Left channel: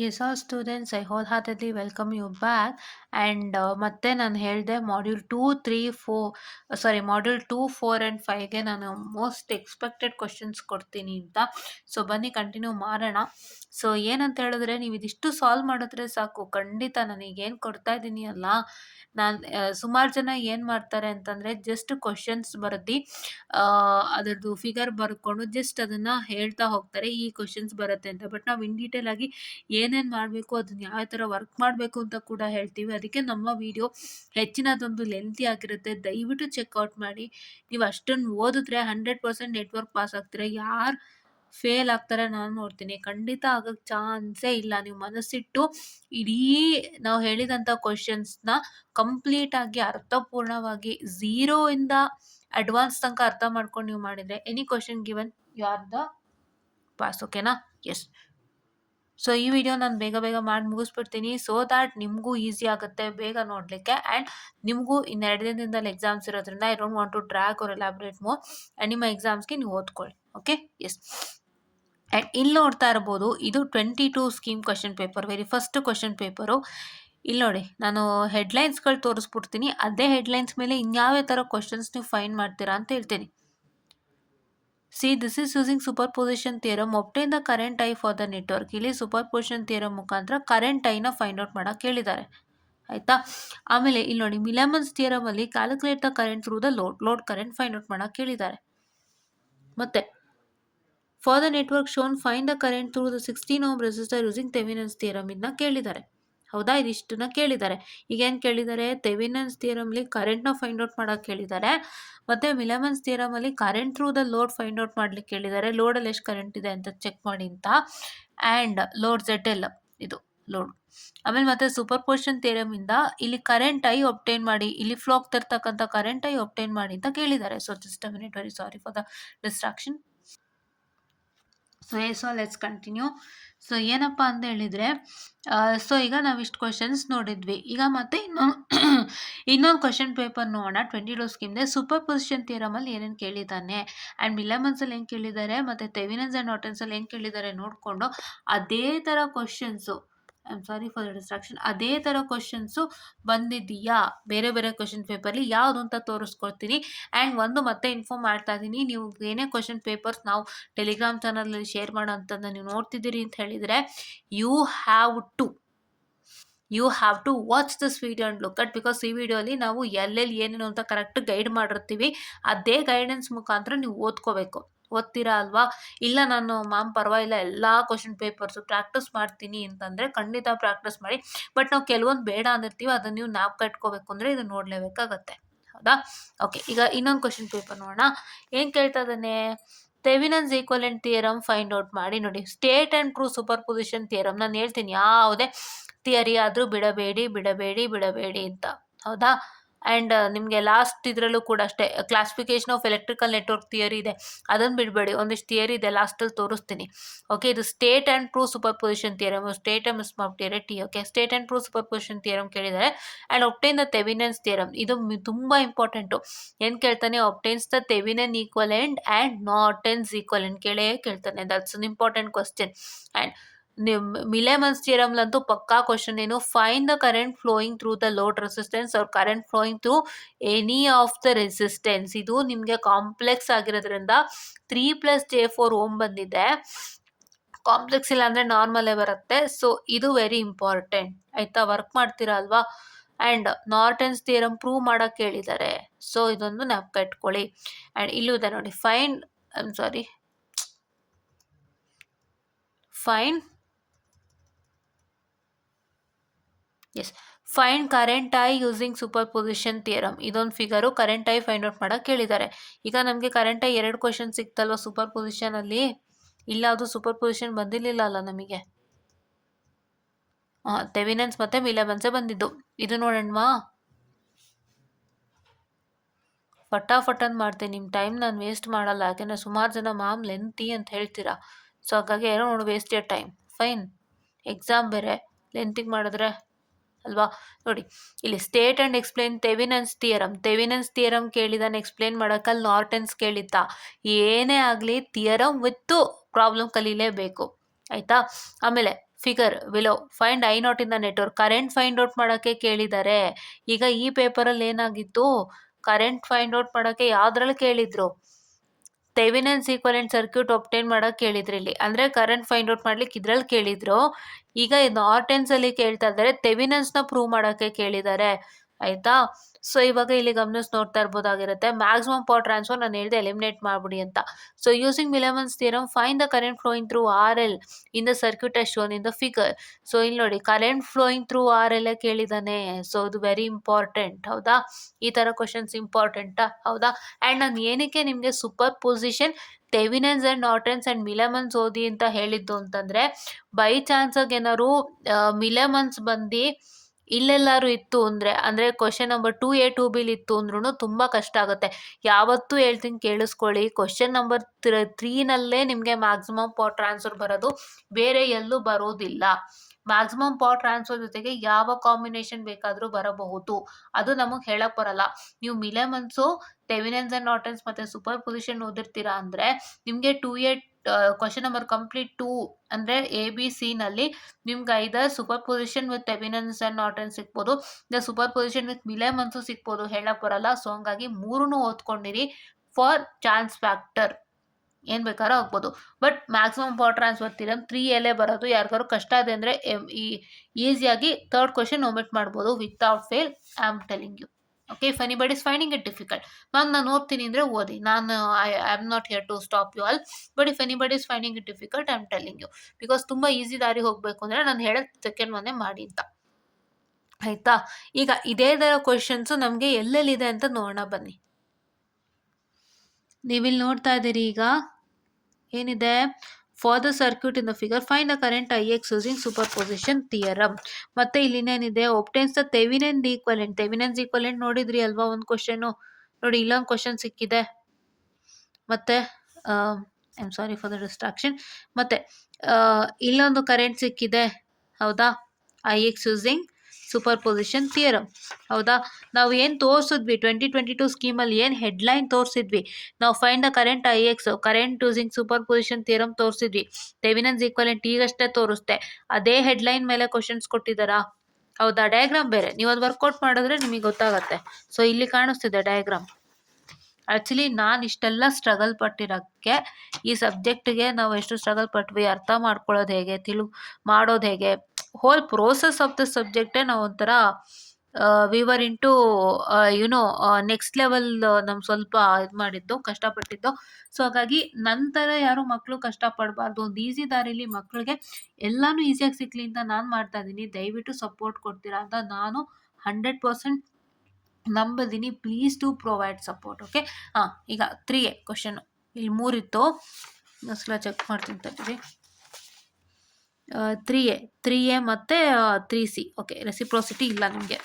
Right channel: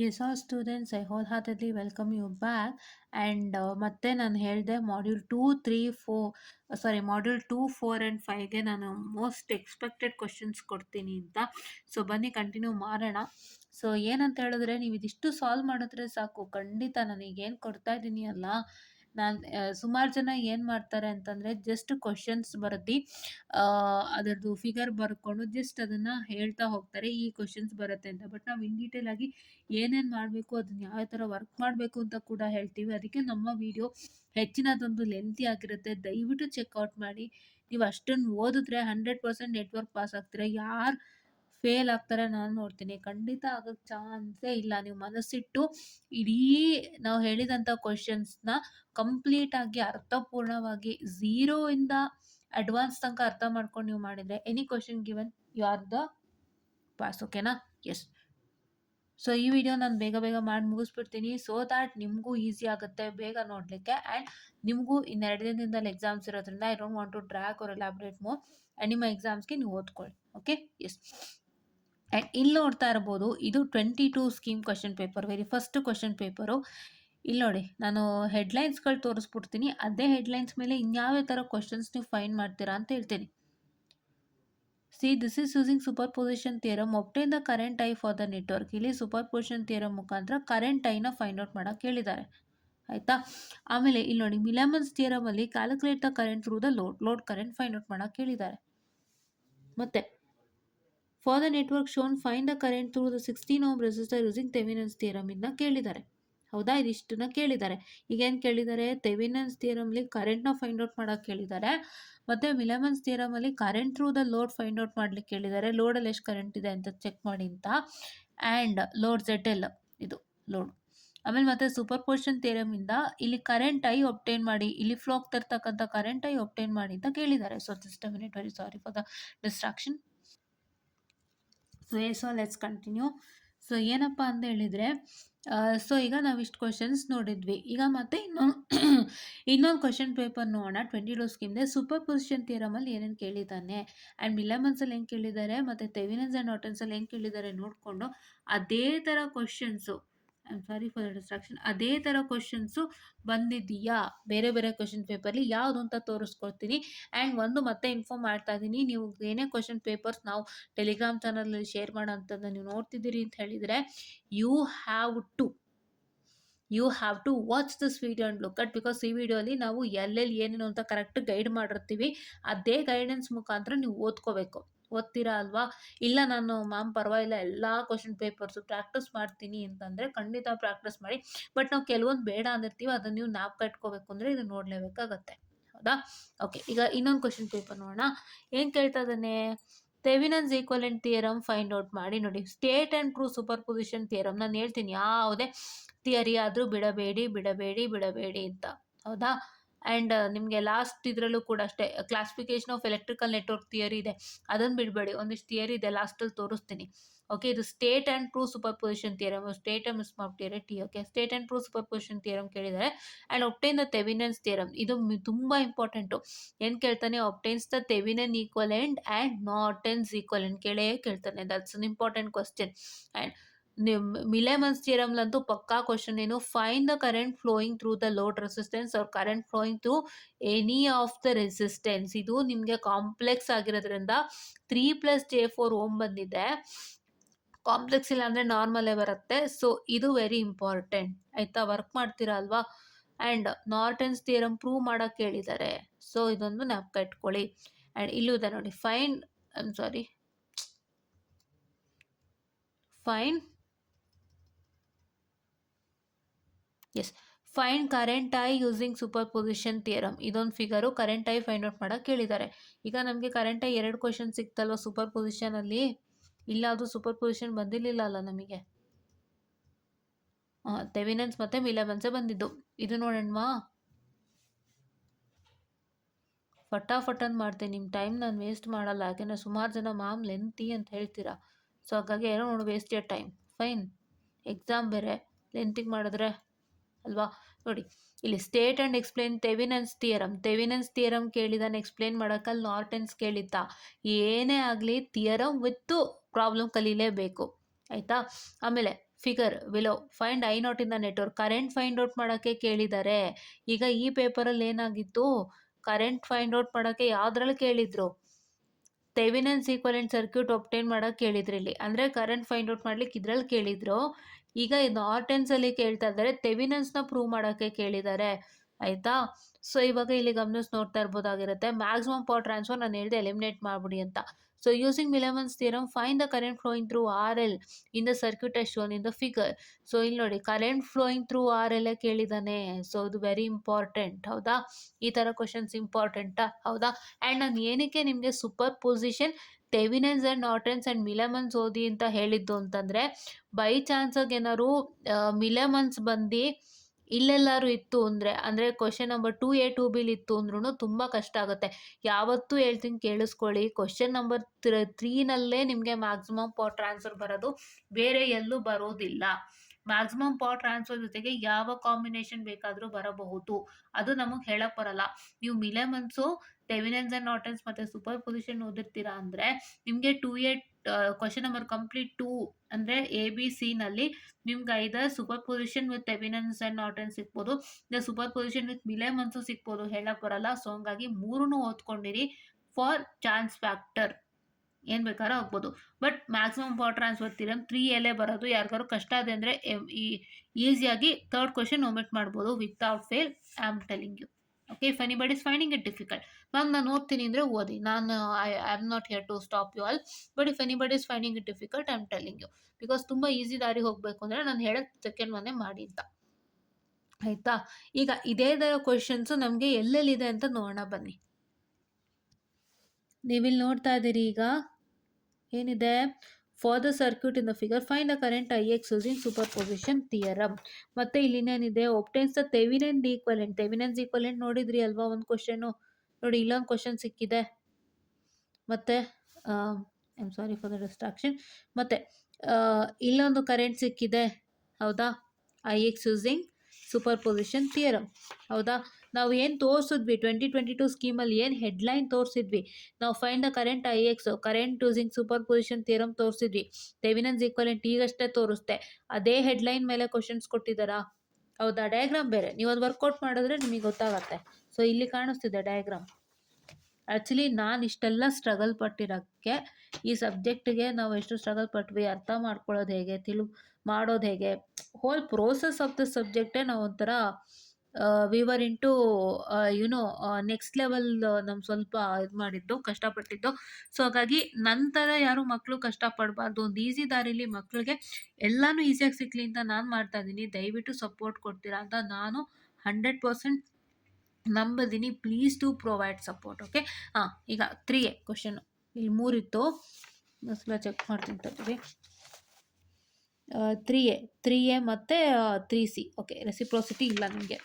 Yes, all students, I wholeheartedly welcome you back. And ಮತ್ತೆ ನಾನು ಹೇಳಿದೆ ಮಾಡ್ಯೂಲ್ 2, 3, 4 ಸಾರಿ ಮಾಡ್ಯೂಲ್ 2, 4 ಆ್ಯಂಡ್ 5ಗೆ ನಾನು most expected questions ಕೊಡ್ತೀನಿ ಅಂತ. ಸೊ ಬನ್ನಿ ಕಂಟಿನ್ಯೂ ಮಾಡೋಣ. ಸೊ ಏನಂತ ಹೇಳಿದ್ರೆ ನೀವು ಇದಿಷ್ಟು ಸಾಲ್ವ್ ಮಾಡಿದ್ರೆ ಸಾಕು, ಖಂಡಿತ ನನಗೇನು ಕೊಡ್ತಾ ಇದ್ದೀನಿ ಅಲ್ಲ, ನಾನು ಸುಮಾರು ಜನ ಏನು ಮಾಡ್ತಾರೆ ಅಂತಂದರೆ ಜಸ್ಟ್ ಕ್ವಶನ್ಸ್ ಬರೆದು ಅದರದ್ದು ಫಿಗರ್ ಬರ್ಕೊಂಡು ಜಸ್ಟ್ ಅದನ್ನು ಹೇಳ್ತಾ ಹೋಗ್ತಾರೆ ಈ ಕ್ವಶನ್ಸ್ ಬರುತ್ತೆ ಅಂತ. ಬಟ್ ನಾವು ಇನ್ ಡೀಟೇಲ್ ಆಗಿ ಏನೇನು ಮಾಡಬೇಕು, ಅದನ್ನ ಯಾವ ಥರ ವರ್ಕ್ ಮಾಡಬೇಕು ಅಂತ ಕೂಡ ಹೇಳ್ತೀವಿ. ಅದಕ್ಕೆ ನಮ್ಮ ವಿಡಿಯೋ ಹೆಚ್ಚಿನದೊಂದು ಲೆಂತಿ ಆಗಿರುತ್ತೆ, ದಯವಿಟ್ಟು ಚೆಕ್ಔಟ್ ಮಾಡಿ. ನೀವು ಅಷ್ಟನ್ನು ಓದಿದ್ರೆ 100% ನೆಟ್ವರ್ಕ್ ಪಾಸ್ ಆಗ್ತೀರ. ಯಾರು ಫೇಲ್ ಆಗ್ತಾರೆ ನಾನು ನೋಡ್ತೀನಿ, ಖಂಡಿತ ಆಗೋಕ್ಕೆ ಚಾನ್ಸೇ ಇಲ್ಲ. ನೀವು ಮನಸ್ಸಿಟ್ಟು ಇಡೀ ನಾವು ಹೇಳಿದಂಥ ಕ್ವಶನ್ಸ್ನ ಕಂಪ್ಲೀಟಾಗಿ ಅರ್ಥಪೂರ್ಣವಾಗಿ ಝೀರೋಯಿಂದ ಅಡ್ವಾನ್ಸ್ ತನಕ ಅರ್ಥ ಮಾಡ್ಕೊಂಡು ನೀವು ಮಾಡಿದರೆ any question given you are the pass. ಓಕೆನಾ? ಎಸ್. ಸೊ ಈ ವಿಡಿಯೋ ನಾನು ಬೇಗ ಮಾಡಿ ಮುಗಿಸ್ಬಿಡ್ತೀನಿ, ಸೊ ದ್ಯಾಟ್ ನಿಮಗೂ ಈಸಿ ಆಗುತ್ತೆ ಬೇಗ ನೋಡಲಿಕ್ಕೆ. ಆ್ಯಂಡ್ ನಿಮಗೂ ಇನ್ನೆರಡು ದಿನದಿಂದಲೇ ಎಕ್ಸಾಮ್ಸ್ ಇರೋದ್ರಿಂದ I don't want to drag or elaborate more. And ನಿಮ್ಮ ಎಕ್ಸಾಮ್ಸ್ಗೆ ನೀವು ಓದ್ಕೊಳ್ಳಿ. Okay, S. ಆ್ಯಂಡ್ ಇಲ್ಲಿ ನೋಡ್ತಾ ಇರ್ಬೋದು, ಇದು 22 scheme question paper, very first question paper. ಇಲ್ಲಿ ನೋಡಿ, ನಾನು ಹೆಡ್ಲೈನ್ಸ್ಗಳು ತೋರಿಸ್ಬಿಡ್ತೀನಿ, ಅದೇ ಹೆಡ್ಲೈನ್ಸ್ ಮೇಲೆ ಇನ್ಯಾವ ಥರ ಕ್ವಶನ್ಸ್ ನೀವು ಫೈಂಡ್ ಮಾಡ್ತೀರಾ ಅಂತ ಹೇಳ್ತೀನಿ. See this is using superposition theorem, obtain the current I for the network. ಇಲ್ಲಿ ಸೂಪರ್ಪೊಸಿಷನ್ ಥಿಯರಮ್ ಮುಖಾಂತರ ಕರೆಂಟ್ ಐನ ಫೈಂಡ್ ಔಟ್ ಮಾಡೋಕ್ಕೆ ಕೇಳಿದ್ದಾರೆ, ಆಯಿತಾ. ಆಮೇಲೆ ಇಲ್ಲಿ ನೋಡಿ, ಮಿಲೆಮನ್ಸ್ ಥಿಯರಮಲ್ಲಿ calculate the current through the load current find out ಮಾಡೋಕ್ಕೆ ಕೇಳಿದ್ದಾರೆ. ಮತ್ತೆ for the network shown find the current through the 16 ohm resistor using Thevenin's theorem ಇದನ್ನ ಕೇಳಿದ್ದಾರೆ, ಹೌದಾ. ಇದಿಷ್ಟನ್ನ ಕೇಳಿದ್ದಾರೆ. ಈಗ ಏನು ಕೇಳಿದ್ದಾರೆ, ಥೆವೆನಿನ್ಸ್ ಥಿಯರಮ್ಲಿ ಕರೆಂಟ್ನ ಫೈಂಡ್ ಔಟ್ ಮಾಡೋಕ್ಕೆ ಕೇಳಿದ್ದಾರೆ, ಮತ್ತು ಮಿಲೆಮನ್ಸ್ ಥಿಯರಮಲ್ಲಿ current through the load find out ಮಾಡ್ಲಿಕ್ಕೆ ಕೇಳಿದ್ದಾರೆ, ಲೋಡಲ್ಲಿ ಎಷ್ಟು ಕರೆಂಟ್ ಇದೆ ಅಂತ ಚೆಕ್ ಮಾಡಿ ಅಂತ. ಆ್ಯಂಡ್ ಲೋಡ್ ZL ಇದು ಲೋಡ್. ಆಮೇಲೆ ಮತ್ತೆ ಸೂಪರ್ಪೊಸಿಷನ್ ಥಿಯರಮಿಂದ ಇಲ್ಲಿ ಕರೆಂಟ್ ಐ ಒಬ್ಟೈನ್ ಮಾಡಿ, ಇಲ್ಲಿ ಫ್ಲೋ ಆಗ್ತಿರ್ತಕ್ಕಂಥ ಕರೆಂಟ್ ಐ ಒಬ್ಟೈನ್ ಮಾಡಿ ಅಂತ ಕೇಳಿದ್ದಾರೆ. So just a minute, very sorry for the distraction. So let's continue. So ಏನಪ್ಪ ಅಂತ ಹೇಳಿದರೆ, ಸೊ ಈಗ ನಾವು ಇಷ್ಟು ಕ್ವಶನ್ಸ್ ನೋಡಿದ್ವಿ. ಈಗ ಮತ್ತೆ ಇನ್ನೊಂದು ಕ್ವಶನ್ ಪೇಪರ್ ನೋಡೋಣ. 22 ಸ್ಕೀಮ್ದೆ ಸೂಪರ್ ಪೊಸಿಷನ್ ಥಿಯರಮಲ್ಲಿ ಏನೇನು ಕೇಳಿದ್ದಾನೆ, ಆ್ಯಂಡ್ ಮಿಲೆಮನ್ಸಲ್ಲಿ ಹೆಂಗೆ ಕೇಳಿದ್ದಾರೆ, ಮತ್ತು ಥೆವೆನಿನ್ಸ್ ಆ್ಯಂಡ್ ನಾರ್ಟನ್ಸಲ್ಲಿ ಹೆಂಗೆ ಕೇಳಿದ್ದಾರೆ ನೋಡಿಕೊಂಡು ಅದೇ ಥರ questions, I am sorry for the distraction, ಅದೇ ಥರ ಕ್ವಶನ್ಸು ಬಂದಿದೆಯಾ ಬೇರೆ ಬೇರೆ ಕ್ವಶನ್ ಪೇಪರ್ಲಿ ಯಾವುದು ಅಂತ ತೋರಿಸ್ಕೊಡ್ತೀನಿ. ಆ್ಯಂಡ್ ಒಂದು ಮತ್ತೆ ಇನ್ಫಾರ್ಮ್ ಮಾಡ್ತಾ ಇದ್ದೀನಿ, ನೀವು ಏನೇ ಕ್ವಶನ್ ಪೇಪರ್ಸ್ ನಾವು ಟೆಲಿಗ್ರಾಮ್ ಚಾನಲಲ್ಲಿ ಶೇರ್ ಮಾಡೋ ಅಂಥದ್ದನ್ನ ನೀವು ನೋಡ್ತಿದ್ದೀರಿ ಅಂತ ಹೇಳಿದರೆ, you have to watch this video and look at, because ಈ ವಿಡಿಯೋಲಿ ನಾವು ಎಲ್ಲೆಲ್ಲಿ ಏನೇನು ಅಂತ ಕರೆಕ್ಟ್ ಗೈಡ್ ಮಾಡಿರ್ತೀವಿ. ಅದೇ ಗೈಡೆನ್ಸ್ ಮುಖಾಂತರ ನೀವು ಓದ್ತೀರಾ ಅಲ್ವಾ. ಇಲ್ಲ ನಾನು ಮ್ಯಾಮ್ ಪರವಾಗಿಲ್ಲ ಎಲ್ಲ ಕ್ವಶನ್ ಪೇಪರ್ಸು ಪ್ರಾಕ್ಟೀಸ್ ಮಾಡ್ತೀನಿ ಅಂತಂದರೆ ಖಂಡಿತ ಪ್ರಾಕ್ಟೀಸ್ ಮಾಡಿ. ಬಟ್ ನಾವು ಕೆಲವೊಂದು ಬೇಡ ಅಂದಿರ್ತೀವಿ, ಅದನ್ನು ನೀವು ಜ್ಞಾಪಕ ಇಟ್ಕೋಬೇಕು ಅಂದರೆ ಇದು ನೋಡಲೇಬೇಕಾಗತ್ತೆ, ಹೌದಾ. ಓಕೆ, ಈಗ ಇನ್ನೊಂದು ಕ್ವಶನ್ ಪೇಪರ್ ನೋಡೋಣ. ಏನು ಕೇಳ್ತಾ ಇದ್ದಾನೆ, Thevenin's equivalent theorem find out ಮಾಡಿ. ನೋಡಿ, state and true superposition theorem ನಾನು ಹೇಳ್ತೀನಿ, ಯಾವುದೇ ಥಿಯರಿ ಆದರೂ ಬಿಡಬೇಡಿ ಅಂತ, ಹೌದಾ. ಆ್ಯಂಡ್ ನಿಮಗೆ ಲಾಸ್ಟ್ ಇದರಲ್ಲೂ ಕೂಡ ಅಷ್ಟೇ, classification of electrical network theory ಇದೆ, ಅದನ್ನು ಬಿಡಬೇಡಿ. ಒಂದಿಷ್ಟು ಥಿಯರಿ ಇದೆ, ಲಾಸ್ಟಲ್ಲಿ ತೋರಿಸ್ತೀನಿ. ಓಕೆ, ಇದು state and true superposition theorem, state and smart theory T. Okay, state and true superposition theorem ಕೇಳಿದ್ದಾರೆ. And obtain the Thevenin's theorem, ಇದು ತುಂಬ ಇಂಪಾರ್ಟೆಂಟು. ಏನು ಕೇಳ್ತಾನೆ, obtains the Thevenin equivalent and Norton's equivalent ಕೇಳ್ತಾನೆ. That's an important question. And Millman's ಥಿಯರಮ್ಲಂತೂ ಪಕ್ಕಾ question ಏನು, find the current flowing through the load resistance or current flowing through any of the resistance. ಇದು ನಿಮಗೆ complex ಆಗಿರೋದ್ರಿಂದ 3+J4 ohm ಬಂದಿದೆ, complex ಇಲ್ಲ ಅಂದರೆ ನಾರ್ಮಲೇ ಬರುತ್ತೆ. ಸೊ ಇದು ವೆರಿ ಇಂಪಾರ್ಟೆಂಟ್, ಆಯಿತಾ. ವರ್ಕ್ ಮಾಡ್ತೀರಾ ಅಲ್ವಾ. ಆ್ಯಂಡ್ ನಾರ್ಟನ್ಸ್ ಥಿಯರಮ್ ಪ್ರೂವ್ ಮಾಡೋಕ್ಕೆ ಹೇಳಿದ್ದಾರೆ, ಸೊ ಇದೊಂದು ಜ್ಞಾಪಕ ಇಟ್ಕೊಳ್ಳಿ. ಆ್ಯಂಡ್ ಇಲ್ಲೂ ಇದೆ ನೋಡಿ, find current I using superposition theorem. ಇದೊಂದು figure, current I find out ಮಾಡೋಕ್ಕೆ ಕೇಳಿದ್ದಾರೆ. ಈಗ ನಮಗೆ ಕರೆಂಟ್ ಐ 2 ಕ್ವಶನ್ ಸಿಕ್ತಲ್ವ ಸೂಪರ್ ಪೊಸಿಷನಲ್ಲಿ, ಇಲ್ಲ ಅದು ಸೂಪರ್ ಪೊಸಿಷನ್ ಬಂದಿರಲಿಲ್ಲ ಅಲ್ಲ ನಮಗೆ. ಥೆವೆನಿನ್ಸ್ ಮತ್ತು ಮಿಲೆಮನ್ಸೇ ಬಂದಿದ್ದು. ಇದು ನೋಡೋಣವಾ, ಫಟಾಫಟ್ ಮಾಡ್ತೀನಿ, ನಿಮ್ಮ ಟೈಮ್ ನಾನು ವೇಸ್ಟ್ ಮಾಡಲ್ಲ. ಯಾಕೆಂದರೆ ಸುಮಾರು ಜನ ಮ್ಯಾಮ್ ಲೆಂತಿ ಅಂತ ಹೇಳ್ತೀರಾ, ಸೊ ಹಾಗಾಗಿ ಏನೋ ನೋಡಿ ವೇಸ್ಟೆಡ್ ಟೈಮ್. ಫೈನ್, ಎಕ್ಸಾಮ್ ಬೇರೆ ಲೆಂತಿಗೆ ಮಾಡಿದ್ರೆ ಅಲ್ವಾ. ನೋಡಿ ಇಲ್ಲಿ state and explain Thevenin's theorem ಕೇಳಿದಾನೆ, ಎಕ್ಸ್ಪ್ಲೇನ್ ಮಾಡೋಕ್ಕಲ್ಲಿ ನಾರ್ಟನ್ಸ್ ಕೇಳಿದ್ದ. ಏನೇ ಆಗಲಿ ಥಿಯರಮ್ ವಿತ್ತು ಪ್ರಾಬ್ಲಮ್ ಕಲೀಲೇಬೇಕು, ಆಯಿತಾ. ಆಮೇಲೆ figure below find I naught in the network. Current find out ಮಾಡೋಕ್ಕೆ ಕೇಳಿದ್ದಾರೆ. ಈಗ ಈ ಪೇಪರಲ್ಲಿ ಏನಾಗಿತ್ತು, ಕರೆಂಟ್ ಫೈಂಡ್ ಔಟ್ ಮಾಡೋಕ್ಕೆ ಯಾವ್ದ್ರಲ್ಲಿ ಕೇಳಿದ್ರು, ಥೆವೆನಿನ್ಸ್ ಈಕ್ವಲೆಂಟ್ ಸರ್ಕ್ಯೂಟ್ ಒಬ್ಟೈನ್ ಮಾಡೋಕೆ ಕೇಳಿದ್ರು ಇಲ್ಲಿ. ಅಂದರೆ ಕರೆಂಟ್ ಫೈಂಡ್ ಔಟ್ ಮಾಡ್ಲಿಕ್ಕೆ ಇದ್ರಲ್ಲಿ ಕೇಳಿದ್ರು. ಈಗ ನಾರ್ಟನ್ಸ್ ಅಲ್ಲಿ ಕೇಳ್ತಾ ಇದ್ದಾರೆ, ಥೆವೆನಿನ್ಸ್ನ ಪ್ರೂವ್ ಮಾಡೋಕ್ಕೆ ಕೇಳಿದ್ದಾರೆ. ಆಯ್ತಾ. ಸೊ ಇವಾಗ ಇಲ್ಲಿ ಗಮನಿಸಿ ನೋಡ್ತಾ ಇರ್ಬೋದಾಗಿರುತ್ತೆ, ಮ್ಯಾಕ್ಸಿಮಮ್ ಪವರ್ ಟ್ರಾನ್ಸ್ಫರ್ ನಾನು ಹೇಳಿದೆ ಎಲಿಮಿನೇಟ್ ಮಾಡ್ಬಿಡಿ ಅಂತ. So using Millman's theorem find the current flowing through R L in the circuit as shown in the figure. So ಇಲ್ಲಿ ನೋಡಿ current flowing through R L ಕೇಳಿದಾನೆ. ಸೊ ಇದು ವೆರಿ ಇಂಪಾರ್ಟೆಂಟ್. ಹೌದಾ, ಈ ತರ ಕ್ವಶನ್ಸ್ ಇಂಪಾರ್ಟೆಂಟಾ? ಹೌದಾ. ಆ್ಯಂಡ್ ನಾನು ಏನಕ್ಕೆ ನಿಮಗೆ superposition Thevenin's and Norton's and Millman's ಓದಿ ಅಂತ ಹೇಳಿದ್ದು ಅಂತಂದರೆ, ಬೈ ಚಾನ್ಸಾಗಿ ಏನಾದ್ರು ಮಿಲೆಮನ್ಸ್ ಬಂದು ಇಲ್ಲೆಲ್ಲಾರು ಇತ್ತು ಅಂದರೆ ಕ್ವಶನ್ ನಂಬರ್ 2A 2B ಇತ್ತು ಅಂದ್ರೂ ತುಂಬ ಕಷ್ಟ ಆಗುತ್ತೆ. ಯಾವತ್ತೂ ಹೇಳ್ತೀನಿ ಕೇಳಿಸ್ಕೊಳ್ಳಿ, ಕ್ವಶನ್ ನಂಬರ್ 3ನಲ್ಲೇ ನಿಮಗೆ ಮ್ಯಾಕ್ಸಿಮಮ್ ಪವರ್ ಟ್ರಾನ್ಸ್ಫರ್ ಬರೋದು, ಬೇರೆ ಎಲ್ಲೂ ಬರೋದಿಲ್ಲ. ಮ್ಯಾಕ್ಸಿಮಮ್ ಪವರ್ ಟ್ರಾನ್ಸ್ಫರ್ ಜೊತೆಗೆ ಯಾವ ಕಾಂಬಿನೇಷನ್ ಬೇಕಾದರೂ ಬರಬಹುದು, ಅದು ನಮಗೆ ಹೇಳಕ್ ಬರಲ್ಲ. ನೀವು ಮಿಲೆಮನ್ಸು, ಥೆವೆನಿನ್ಸ್ ಆ್ಯಂಡ್ ನಾರ್ಟನ್ಸ್ ಮತ್ತು ಸೂಪರ್ ಪೊಸಿಷನ್ ಓದಿರ್ತೀರಾ ಅಂದರೆ ನಿಮಗೆ 2A ಕ್ವಶನ್ ನಂಬರ್ ಕಂಪ್ಲೀಟ್ 2 ಅಂದರೆ ABC-ನಲ್ಲಿ ನಿಮ್ಗೆ either superposition with Thevenin's and Norton's ಸಿಗ್ಬೋದು, ಇಲ್ಲ ಸೂಪರ್ ಪೊಸಿಷನ್ ವಿತ್ ಮಿಲೆಮನ್ಸು ಸಿಗ್ಬೋದು, ಹೇಳಕ್ ಬರಲ್ಲ. ಸೊ ಹಂಗಾಗಿ ಮೂರನ್ನು ಓದ್ಕೊಂಡಿರಿ ಫಾರ್ ಚಾನ್ಸ್ ಫ್ಯಾಕ್ಟರ್, ಏನು ಬೇಕಾದ್ರೂ ಆಗ್ಬೋದು. But maximum power transfer theorem 3Aಲೇ ಬರೋದು. ಯಾರಿಗಾರು ಕಷ್ಟ ಇದೆ ಅಂದರೆ ಈಸಿಯಾಗಿ ಥರ್ಡ್ ಕ್ವಶನ್ ಒಮಿಟ್ ಮಾಡ್ಬೋದು without fail. I am telling you. Okay, if anybody is finding it difficult, ನಾನು ಓದ್ತೀನಿ ಅಂದರೆ ಓದಿ, ನಾನು I am not here to stop you all. But if anybody is finding it difficult, I am telling you. Because ತುಂಬ easy ದಾರಿ ಹೋಗಬೇಕು ಅಂದರೆ ನಾನು ಹೇಳೋದು ಸೆಕೆಂಡ್ ಒಂದೇ ಮಾಡಿ ಅಂತ. ಆಯಿತಾ. ಈಗ ಇದೇ ಥರ ಕ್ವಶನ್ಸು ನಮಗೆ ಎಲ್ಲೆಲ್ಲಿದೆ ಅಂತ ನೋಡೋಣ ಬನ್ನಿ. ನೀವಿಲ್ಲಿ ನೋಡ್ತಾ ಇದ್ದೀರಿ, ಈಗ ಏನಿದೆ, for the circuit in the figure find the current Ix using superposition theorem. ಮತ್ತೆ ಇಲ್ಲಿ ಏನಿದೆ, obtains the Thevenin equivalent. Thevenin's equivalent ನೋಡಿದ್ರಿ ಅಲ್ವಾ ಒಂದು ಕ್ವಶನು, ನೋಡಿ ಇಲ್ಲೊಂದು ಕ್ವಶನ್ ಸಿಕ್ಕಿದೆ. ಮತ್ತೆ I am sorry for the distraction. ಮತ್ತೆ ಇಲ್ಲೊಂದು ಕರೆಂಟ್ ಸಿಕ್ಕಿದೆ. ಹೌದಾ, Ix using superposition theorem. ಹೌದಾ. ನಾವು ಏನು ತೋರಿಸಿದ್ವಿ 2022 ಸ್ಕೀಮಲ್ಲಿ, ಏನು ಹೆಡ್ಲೈನ್ ತೋರಿಸಿದ್ವಿ ನಾವು, find the current Ix current using superposition theorem ತೋರಿಸಿದ್ವಿ. ಥೆವೆನಿನ್ಸ್ ಈಕ್ವಲೆಂಟ್ ಈಗಷ್ಟೇ ತೋರಿಸ್ತೆ, ಅದೇ ಹೆಡ್ಲೈನ್ ಮೇಲೆ ಕ್ವಶನ್ಸ್ ಕೊಟ್ಟಿದ್ದಾರಾ? ಹೌದಾ. ಡಯಾಗ್ರಾಮ್ ಬೇರೆ, ನೀವು ಅದು ವರ್ಕೌಟ್ ಮಾಡಿದ್ರೆ ನಿಮಗೆ ಗೊತ್ತಾಗತ್ತೆ. ಸೊ ಇಲ್ಲಿ ಕಾಣಿಸ್ತಿದೆ ಡಯಾಗ್ರಾಮ್. ಆ್ಯಕ್ಚುಲಿ ನಾನು ಇಷ್ಟೆಲ್ಲ ಸ್ಟ್ರಗಲ್ ಪಟ್ಟಿರೋಕ್ಕೆ, ಈ ಸಬ್ಜೆಕ್ಟಿಗೆ ನಾವು ಎಷ್ಟು ಸ್ಟ್ರಗಲ್ ಪಟ್ವಿ, ಅರ್ಥ ಮಾಡ್ಕೊಳ್ಳೋದು ಹೇಗೆ, ಮಾಡೋದು ಹೇಗೆ, ಹೋಲ್ ಪ್ರೋಸೆಸ್ ಆಫ್ ದ ಸಬ್ಜೆಕ್ಟೇ ನಾವು ಒಂಥರ ವಿವರ್ ಇಂಟು ಯುನೋ ನೆಕ್ಸ್ಟ್ ಲೆವೆಲ್ ನಮ್ಮ ಸ್ವಲ್ಪ ಇದು ಮಾಡಿದ್ದು, ಕಷ್ಟಪಟ್ಟಿದ್ದು. ಸೊ ಹಾಗಾಗಿ ನಂತರ ಯಾರು ಮಕ್ಕಳು ಕಷ್ಟಪಡಬಾರ್ದು, ಒಂದು ಈಸಿ ದಾರಿಲಿ ಮಕ್ಕಳಿಗೆ ಎಲ್ಲನೂ ಈಸಿಯಾಗಿ ಸಿಕ್ಕಲಿ ಅಂತ ನಾನು ಮಾಡ್ತಾ ಇದ್ದೀನಿ. ದಯವಿಟ್ಟು ಸಪೋರ್ಟ್ ಕೊಡ್ತೀರಾ ಅಂತ ನಾನು 100% ನಂಬಿದ್ದೀನಿ. Please to provide support. Okay. ಈಗ 3A ಕ್ವಶನು, ಇಲ್ಲಿ 3 ಇತ್ತು, ಒಂದ್ಸಲ ಚೆಕ್ ಮಾಡ್ತೀನಿ. 3A ಮತ್ತು 3C. ಓಕೆ, ರೆಸಿಪ್ರೋಸಿಟಿ ಇಲ್ಲ ನಿಮಗೆ,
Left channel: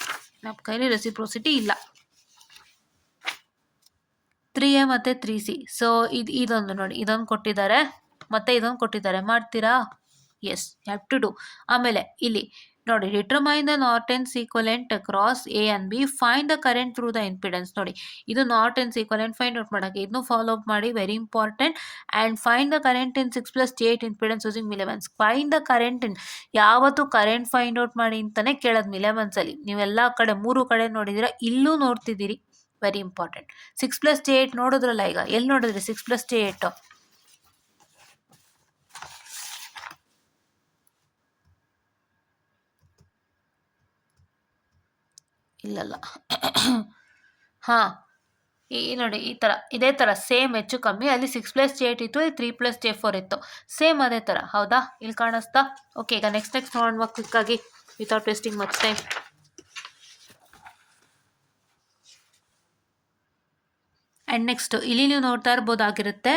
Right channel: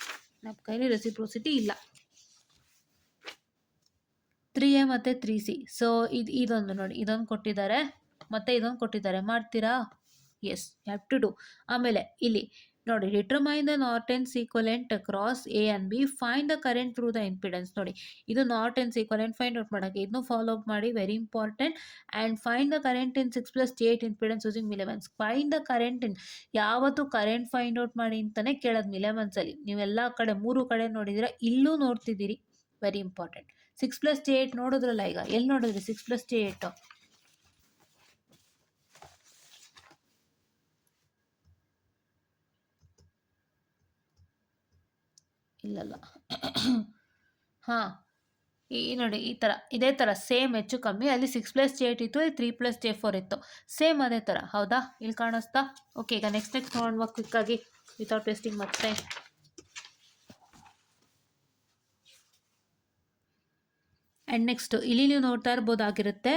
ನಮ್ಮ ಕೈಲಿ ರೆಸಿಪ್ರೋಸಿಟಿ ಇಲ್ಲ. 3A ಮತ್ತು 3C. ಸೊ ಇದೊಂದು ನೋಡಿ, ಇದೊಂದು ಕೊಟ್ಟಿದ್ದಾರೆ ಮತ್ತು ಇದೊಂದು ಕೊಟ್ಟಿದ್ದಾರೆ, ಮಾಡ್ತೀರಾ? Yes, you have to do. ಆಮೇಲೆ ಇಲ್ಲಿ ನೋಡಿ, determine the Norton's equivalent across A and B, find the current through the impedance. ನೋಡಿ, ಇದು ನಾರ್ಟನ್ಸ್ ಈಕ್ವಲೆಂಟ್ ಫೈಂಡ್ ಔಟ್ ಮಾಡೋಕ್ಕೆ, ಇದನ್ನು ಫಾಲೋ ಅಪ್ ಮಾಡಿ, very important. And find the current in 6+8 impedance using Millman's. Find the current in, ಯಾವತ್ತು current find out ಮಾಡಿ ಅಂತಲೇ ಕೇಳೋದು ಮಿಲೆಮನ್ಸಲ್ಲಿ. ನೀವೆಲ್ಲ ಕಡೆ 3 ಕಡೆ ನೋಡಿದ್ದೀರಾ, ಇಲ್ಲೂ ನೋಡ್ತಿದ್ದೀರಿ, ವೆರಿ ಇಂಪಾರ್ಟೆಂಟ್. 6+8 ನೋಡಿದ್ರಲ್ಲ, ಈಗ ಎಲ್ಲಿ ನೋಡಿದ್ರಿ 6+8? ಇಲ್ಲಲ್ಲ. ಹಾಂ, ನೋಡಿ ಈ ಥರ, ಇದೇ ಥರ ಸೇಮ್ ಹೆಚ್ಚು ಕಮ್ಮಿ, ಅಲ್ಲಿ 6+8 ಇತ್ತು, ಇಲ್ಲಿ 3+J4 ಇತ್ತು, ಸೇಮ್ ಅದೇ ಥರ. ಹೌದಾ, ಇಲ್ಲಿ ಕಾಣಿಸ್ತಾ? ಓಕೆ, ಈಗ ನೆಕ್ಸ್ಟ್ ನೋಡುವ ಕ್ವಿಕ್ಕಾಗಿ without wasting much time. And next ಇಲ್ಲಿ ನೀವು ನೋಡ್ತಾ ಇರ್ಬೋದಾಗಿರುತ್ತೆ,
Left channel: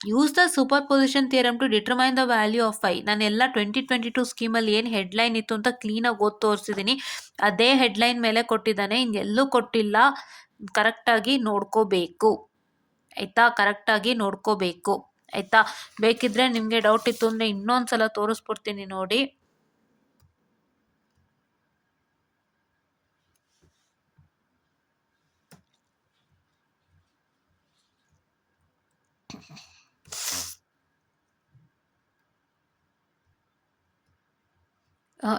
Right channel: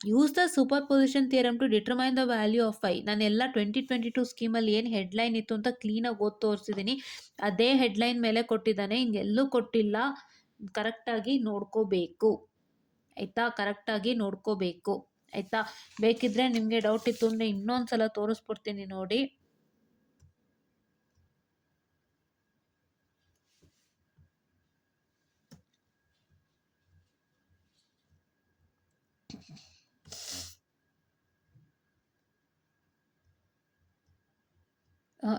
use the superposition theorem to determine the value of I. ನಾನೆಲ್ಲ 2022 ಸ್ಕೀಮಲ್ಲಿ ಏನು ಹೆಡ್ಲೈನ್ ಇತ್ತು ಅಂತ ಕ್ಲೀನಾಗಿ ಓದಿ ತೋರಿಸಿದ್ದೀನಿ. ಅದೇ ಹೆಡ್ಲೈನ್ ಮೇಲೆ ಕೊಟ್ಟಿದ್ದಾನೆ, ಇನ್ನೆಲ್ಲೂ ಕೊಟ್ಟಿಲ್ಲ. ಕರೆಕ್ಟಾಗಿ ನೋಡ್ಕೋಬೇಕು, ಆಯಿತಾ? ಕರೆಕ್ಟಾಗಿ ನೋಡ್ಕೋಬೇಕು, ಆಯಿತಾ? ಬೇಕಿದ್ದರೆ ನಿಮಗೆ ಡೌಟ್ ಇತ್ತು ಅಂದರೆ ಇನ್ನೊಂದು ಸಲ ತೋರಿಸ್ಬಿಡ್ತೀನಿ ನೋಡಿ.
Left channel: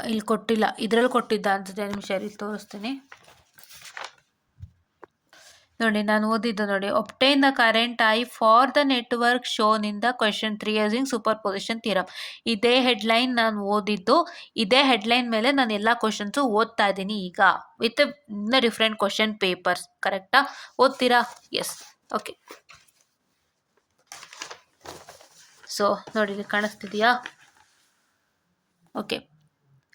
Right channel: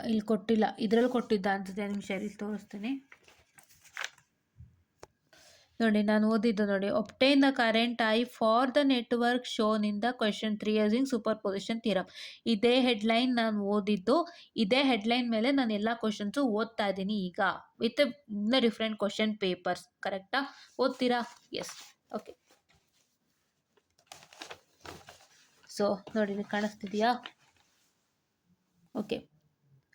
ಇಲ್ಲಿ ಕೊಟ್ಟಿಲ್ಲ, ಇದರಲ್ಲಿ ಕೊಟ್ಟಿದ್ದ ಅನ್ಸುತ್ತೆ. ನಿಮಿಷ ಇಲ್ಲಿ ತೋರಿಸ್ತೀನಿ ನೋಡಿ. ನಾನು ಓದಿದ್ದು ನೋಡಿ, obtain the current I for the network shown in the question 3 using superposition theorem. ಇದೇ ಹೆಡ್ಲೈನ್ ನಾನು ಓದಿದ್ದು. ಇದೇ ಹೆಡ್ಲೈನ್ ಮೇಲೆ ನಾನು ಎಲ್ಲ ಕ್ವಶನ್ಸು ಓದ್ತಾ ಇದ್ದೀನಿ ಈಗ, ವಿತ್ ಡಿಫ್ರೆಂಟ್ ಕ್ವಶನ್ ಪೇಪರ್ಸ್. ಕರೆಕ್ಟಾ? ಓದ್ತೀರಾ? ಎಸ್. ಓಕೆ. ಸೊ ನೋಡಿ, ಇಲ್ಲಿ ಕಾಣಿಸ್ತಿದೆಯಾ? Okay.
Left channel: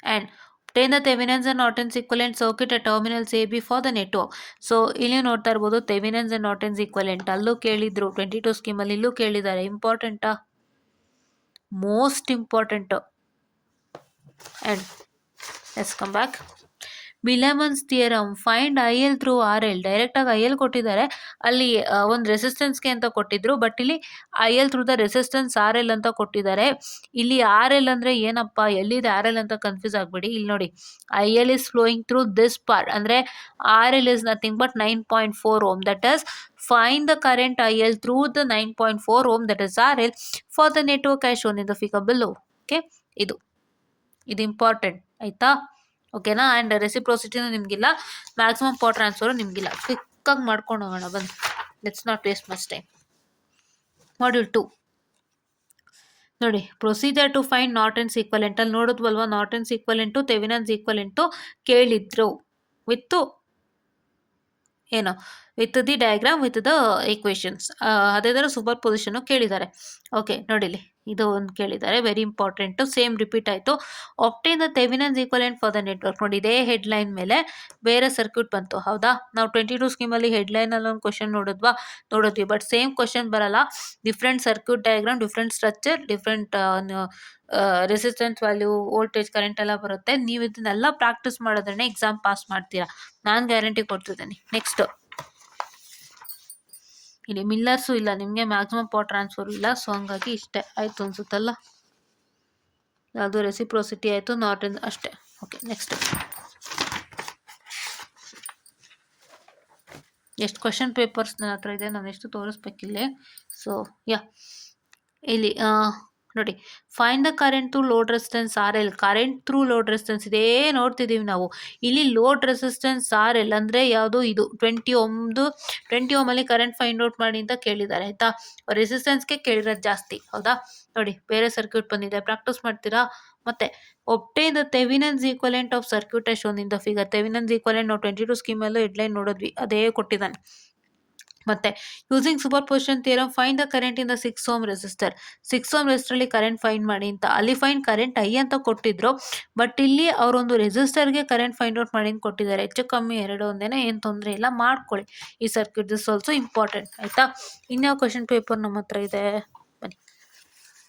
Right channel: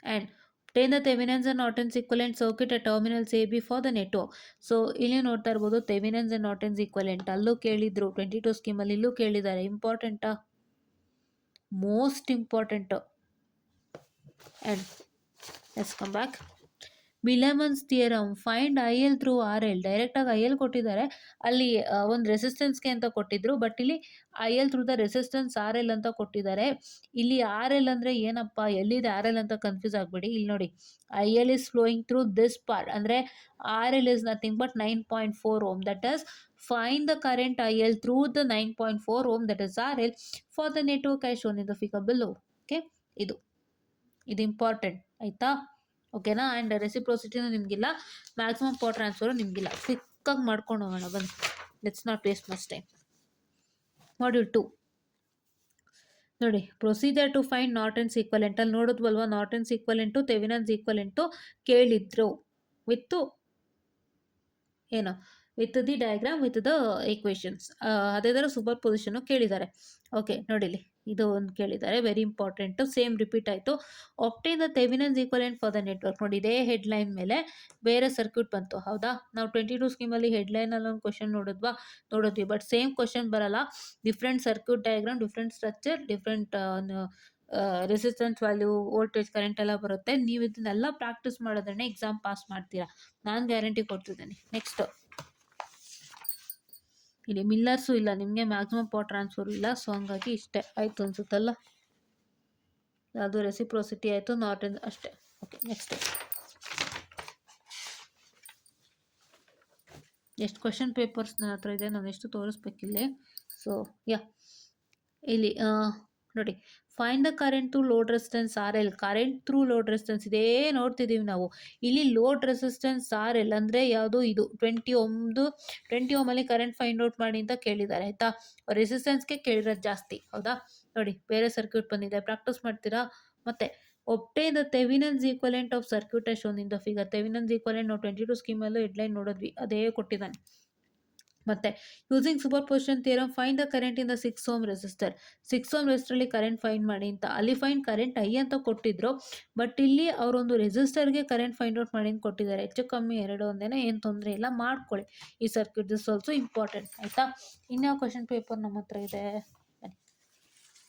And obtain the Thevenin's and Norton's equivalent circuit at terminals AB for the network. So ಇಲ್ಲಿ ನೋಡ್ತಾ ಇರ್ಬೋದು, ಥೆವೆನಿನ್ಸ್ ಅಂಡ್ ನಾರ್ಟನ್ಸ್ ಈಕ್ವಲೆಂಟ್ ಅಲ್ಲೂ ಕೇಳಿದ್ರು, 22 ಸ್ಕೀಮಲ್ಲಿ ಇಲ್ಲೂ ಕೇಳಿದ್ದಾರೆ. ಇಂಪಾರ್ಟೆಂಟಾ? Most important. And let's come back. Williams theorem, find I L through R L. ಡೈರೆಕ್ಟಾಗಿ ಐ ಎಲ್ ಕೊಟ್ಟಿದ್ದಾರೆ, ಅಲ್ಲಿ ಒಂದು ರೆಸಿಸ್ಟೆನ್ಸ್ಗೆ ಅಂತ ಕೊಟ್ಟಿದ್ರು, ಬಟ್ ಇಲ್ಲಿ I L through the resistance R L ಅಂತ ಕೊಟ್ಟಿದ್ದಾರೆ. ಇಲ್ಲಿ ಆರ್ ಎಲ್ ಅಂದರೆ ಏನಪ್ಪ, ಎಲ್ಲಿದೆ ಆರ್ ಎಲ್ ಅಂತ ಕನ್ಫ್ಯೂಸ್ ಆಗಬೇಡಿ. ಇಲ್ಲಿ ನೋಡಿ, I L is flowing through this part, ಅಂದರೆ R L is nothing but 9.4 ohm. That is find the current I L through the 9.4 ohm, that is R L, for the network as shown in the figure below. Okay, ಇದು important ಆಯಿತಾ? ಓಕೆನಾ? And ರೆಸಿಪ್ರೋಸಿಟಿನೂ ನಿಮಗಿಲ್ಲ, maximum power transfer ನಿಮಗಿಲ್ಲ. ಕ್ವಿಕ್ಕಾಗಿ ಮಾಡ್ಕೊಂಡು ಹೋಗೋಣ ಬನ್ನಿ. Let's not waste much time. Module 2 ನೋಡಿ, ಪ್ರೊಸೀಜರ್ ಟು ಫೈಂಡ್ ನಾರ್ಟನ್ಸ್ ಈಕ್ವಲೆಂಟ್. ಅಲ್ಲಿ ನೋಡಿದ್ವಲ್ವಾ, ನಾರ್ಟನ್ಸ್ ಈಕ್ವಲೆಂಟು ಥೆವೆನಿನ್ಸ್ ಈಕ್ವಲೆಂಟು ಕೇಳಿದ್ರು ವಿತ್ತು ಏನು, with the diagram, with the equations. ಅದೇ ಥರ ಸೂಪರ್ ಪೊಸಿಷನ್ನು ಕೇಳಿದ್ದಾರೆ. ಓಕೆ, ನೋಡಿಲಿ, ಇದು ಒಂದು ಕೇಳಿದ್ದಾರೆ, ವೆರಿ ಇಂಪಾರ್ಟೆಂಟು. ಸೇಮ್ ರಿಪೀಟ್ ಆಯಿತು. Obtain the Thevenin's equivalent for the network. ನೋಡಿ, ಇದೇ ಹೆಡ್ಲೈನ್ ಮೇಲೆ ಬೇರೆ ಸರ್ಕ್ಯೂಟ್ ಬಂತು, ಹೌದಾ? ನಾವು 22 ಸ್ಕೀಮಲ್ಲಿ ಹೆಡ್ಲೈನಲ್ಲಿ ಒಂದು ಕ್ವಶನ್ ನೋಡಿದ್ವಿ, ಬಟ್ ಸೇಮ್ ಕ್ವಶನ್ ಬರಲ್ಲ. Different circuit diagram, different structure, different resistance value, voltage, current ಎಲ್ಲ ಬರುತ್ತೆ. ನೀವು ಇದನ್ನೆಲ್ಲ ಪ್ರಾಕ್ಟೀಸ್ ಮಾಡೋದ್ರೇ ಎಕ್ಸಾಮ್ ಪಾಸ್ ಮಾಡ್ತೀರಾ, ನಾನು ಗ್ಯಾರಂಟಿ ಕೊಡ್ತಿದ್ದೀನಿ. ನೆಕ್ಸ್ಟ್, ಇಲ್ಲಿ ಮಿಲ್ಲರ್ಸು ಇಲ್ಲ, ನಿಮಗೆ ಮ್ಯಾಕ್ಸಿಮಮ್ ಪವರ್ ಟ್ರಾನ್ಸ್ಫರ್ ಇಲ್ಲ, ಸೊ ಹಂಗಾಗಿ ಇಷ್ಟೇ ಆಯಿತು ಅನ್ಸುತ್ತಲ್ಲ. ಅದು ರೆಸಿಪ್ರೋಸಿಟಿ ಆಯಿತು, ನಾರ್ಟನ್ ಅಷ್ಟೇ. Okay, next. ಎಷ್ಟು ಕ್ವಶನ್ ಪೇಪರ್ಸ್ ನನ್ನ ಹತ್ರ ಇದೆ, ನಾನು ಎಷ್ಟು ತೋರಿಸ್ಬೇಕಿಲ್ಲಿ. ಸೊ ಇಲ್ಲಿ ನೋಡಿ, find the current through load resistance R L. Current through load resistance ಇದೇ ನೋಡ್ತಿದ್ದೀವಿ ನಾವು. ಇಲ್ಲಿ ಲೋಡ್ ರೆಸಿಸ್ಟೆನ್ಸ್ ಆರ್ ಎಲ್ ಅಂದರೆ ಯಾವುದು, ಇದು 20 ಓಮಲ್ಲಿ ಕರೆಂಟ್ ಫೈಂಡ್ ಔಟ್ ಮಾಡಿ ಅಂತ ಕೇಳಿದ್ದಾರೆ, ಆಯಿತಾ? ರೆಸಿಸ್ಟೆನ್ಸ್ಗೆ ಕೇಳಿರೋದು ಜಾಸ್ತಿ, ಹೌದಾ? ನೋಡಿ, ಬೇರೆ ಸರ್ಕ್ಯೂಟ್ ಬಂದಿದೆ, ಪ್ರಾಕ್ಟೀಸ್ ಮಾಡ್ತೀರಾ? ಮತ್ತೆ obtain the Thevenin's equivalent of circuit as shown in the figure. Thevenin's equivalent ನಾವು 22 ಸ್ಕೀಮಲ್ಲೂ ಹೆಡ್ಲೈನ್ ನೋಡಿದ್ವಿ, ಅದೇ ಕೊಟ್ಟಿದ್ದಾನೆ. ಮತ್ತೆ using superposition theorem, find the current in the 6 ohm resistor. 6 ohm ರೆಸಿಸ್ಟರಲ್ಲಿ ಕರೆಂಟ್ ಫೈಂಡ್ ಮಾಡಿ ಅಂತ. ಅಲ್ಲಿ ಫೈಂಡ್ ಕರೆಂಟ್ ಐ ಅಂತ ಕೊಟ್ಟಿದ್ರು, ಬಟ್ ಇಲ್ಲಿ ಅವರೊಂದು ರೆಸಿಸ್ಟರ್ಗೆ ಕರೆಂಟ್ ಫೈಂಡ್ ಔಟ್ ಮಾಡಿ ಅಂತ ಕೊಟ್ಟಿದ್ದಾರೆ. ಹೆಚ್ಚು ಕಮ್ಮಿ ಎರಡು ಒಂದೇನೆ, ಏನು ತೊಂದರೆ ಇಲ್ಲ, ಮಾಡ್ಕೊಳ್ಳಿ ಈ ಸರ್ಕ್ಯೂಟ್. ದಿಸ್ ಆಲ್ಸೋ ಇಂಪಾರ್ಟೆಂಟ್, ಆಯಿತಾ? ಇನ್ಯಾವ ಕ್ವಶನ್ ಪೇಪರ್ ನಮ್ಮ ಹತ್ರ ಇದೆ ಬನ್ನಿ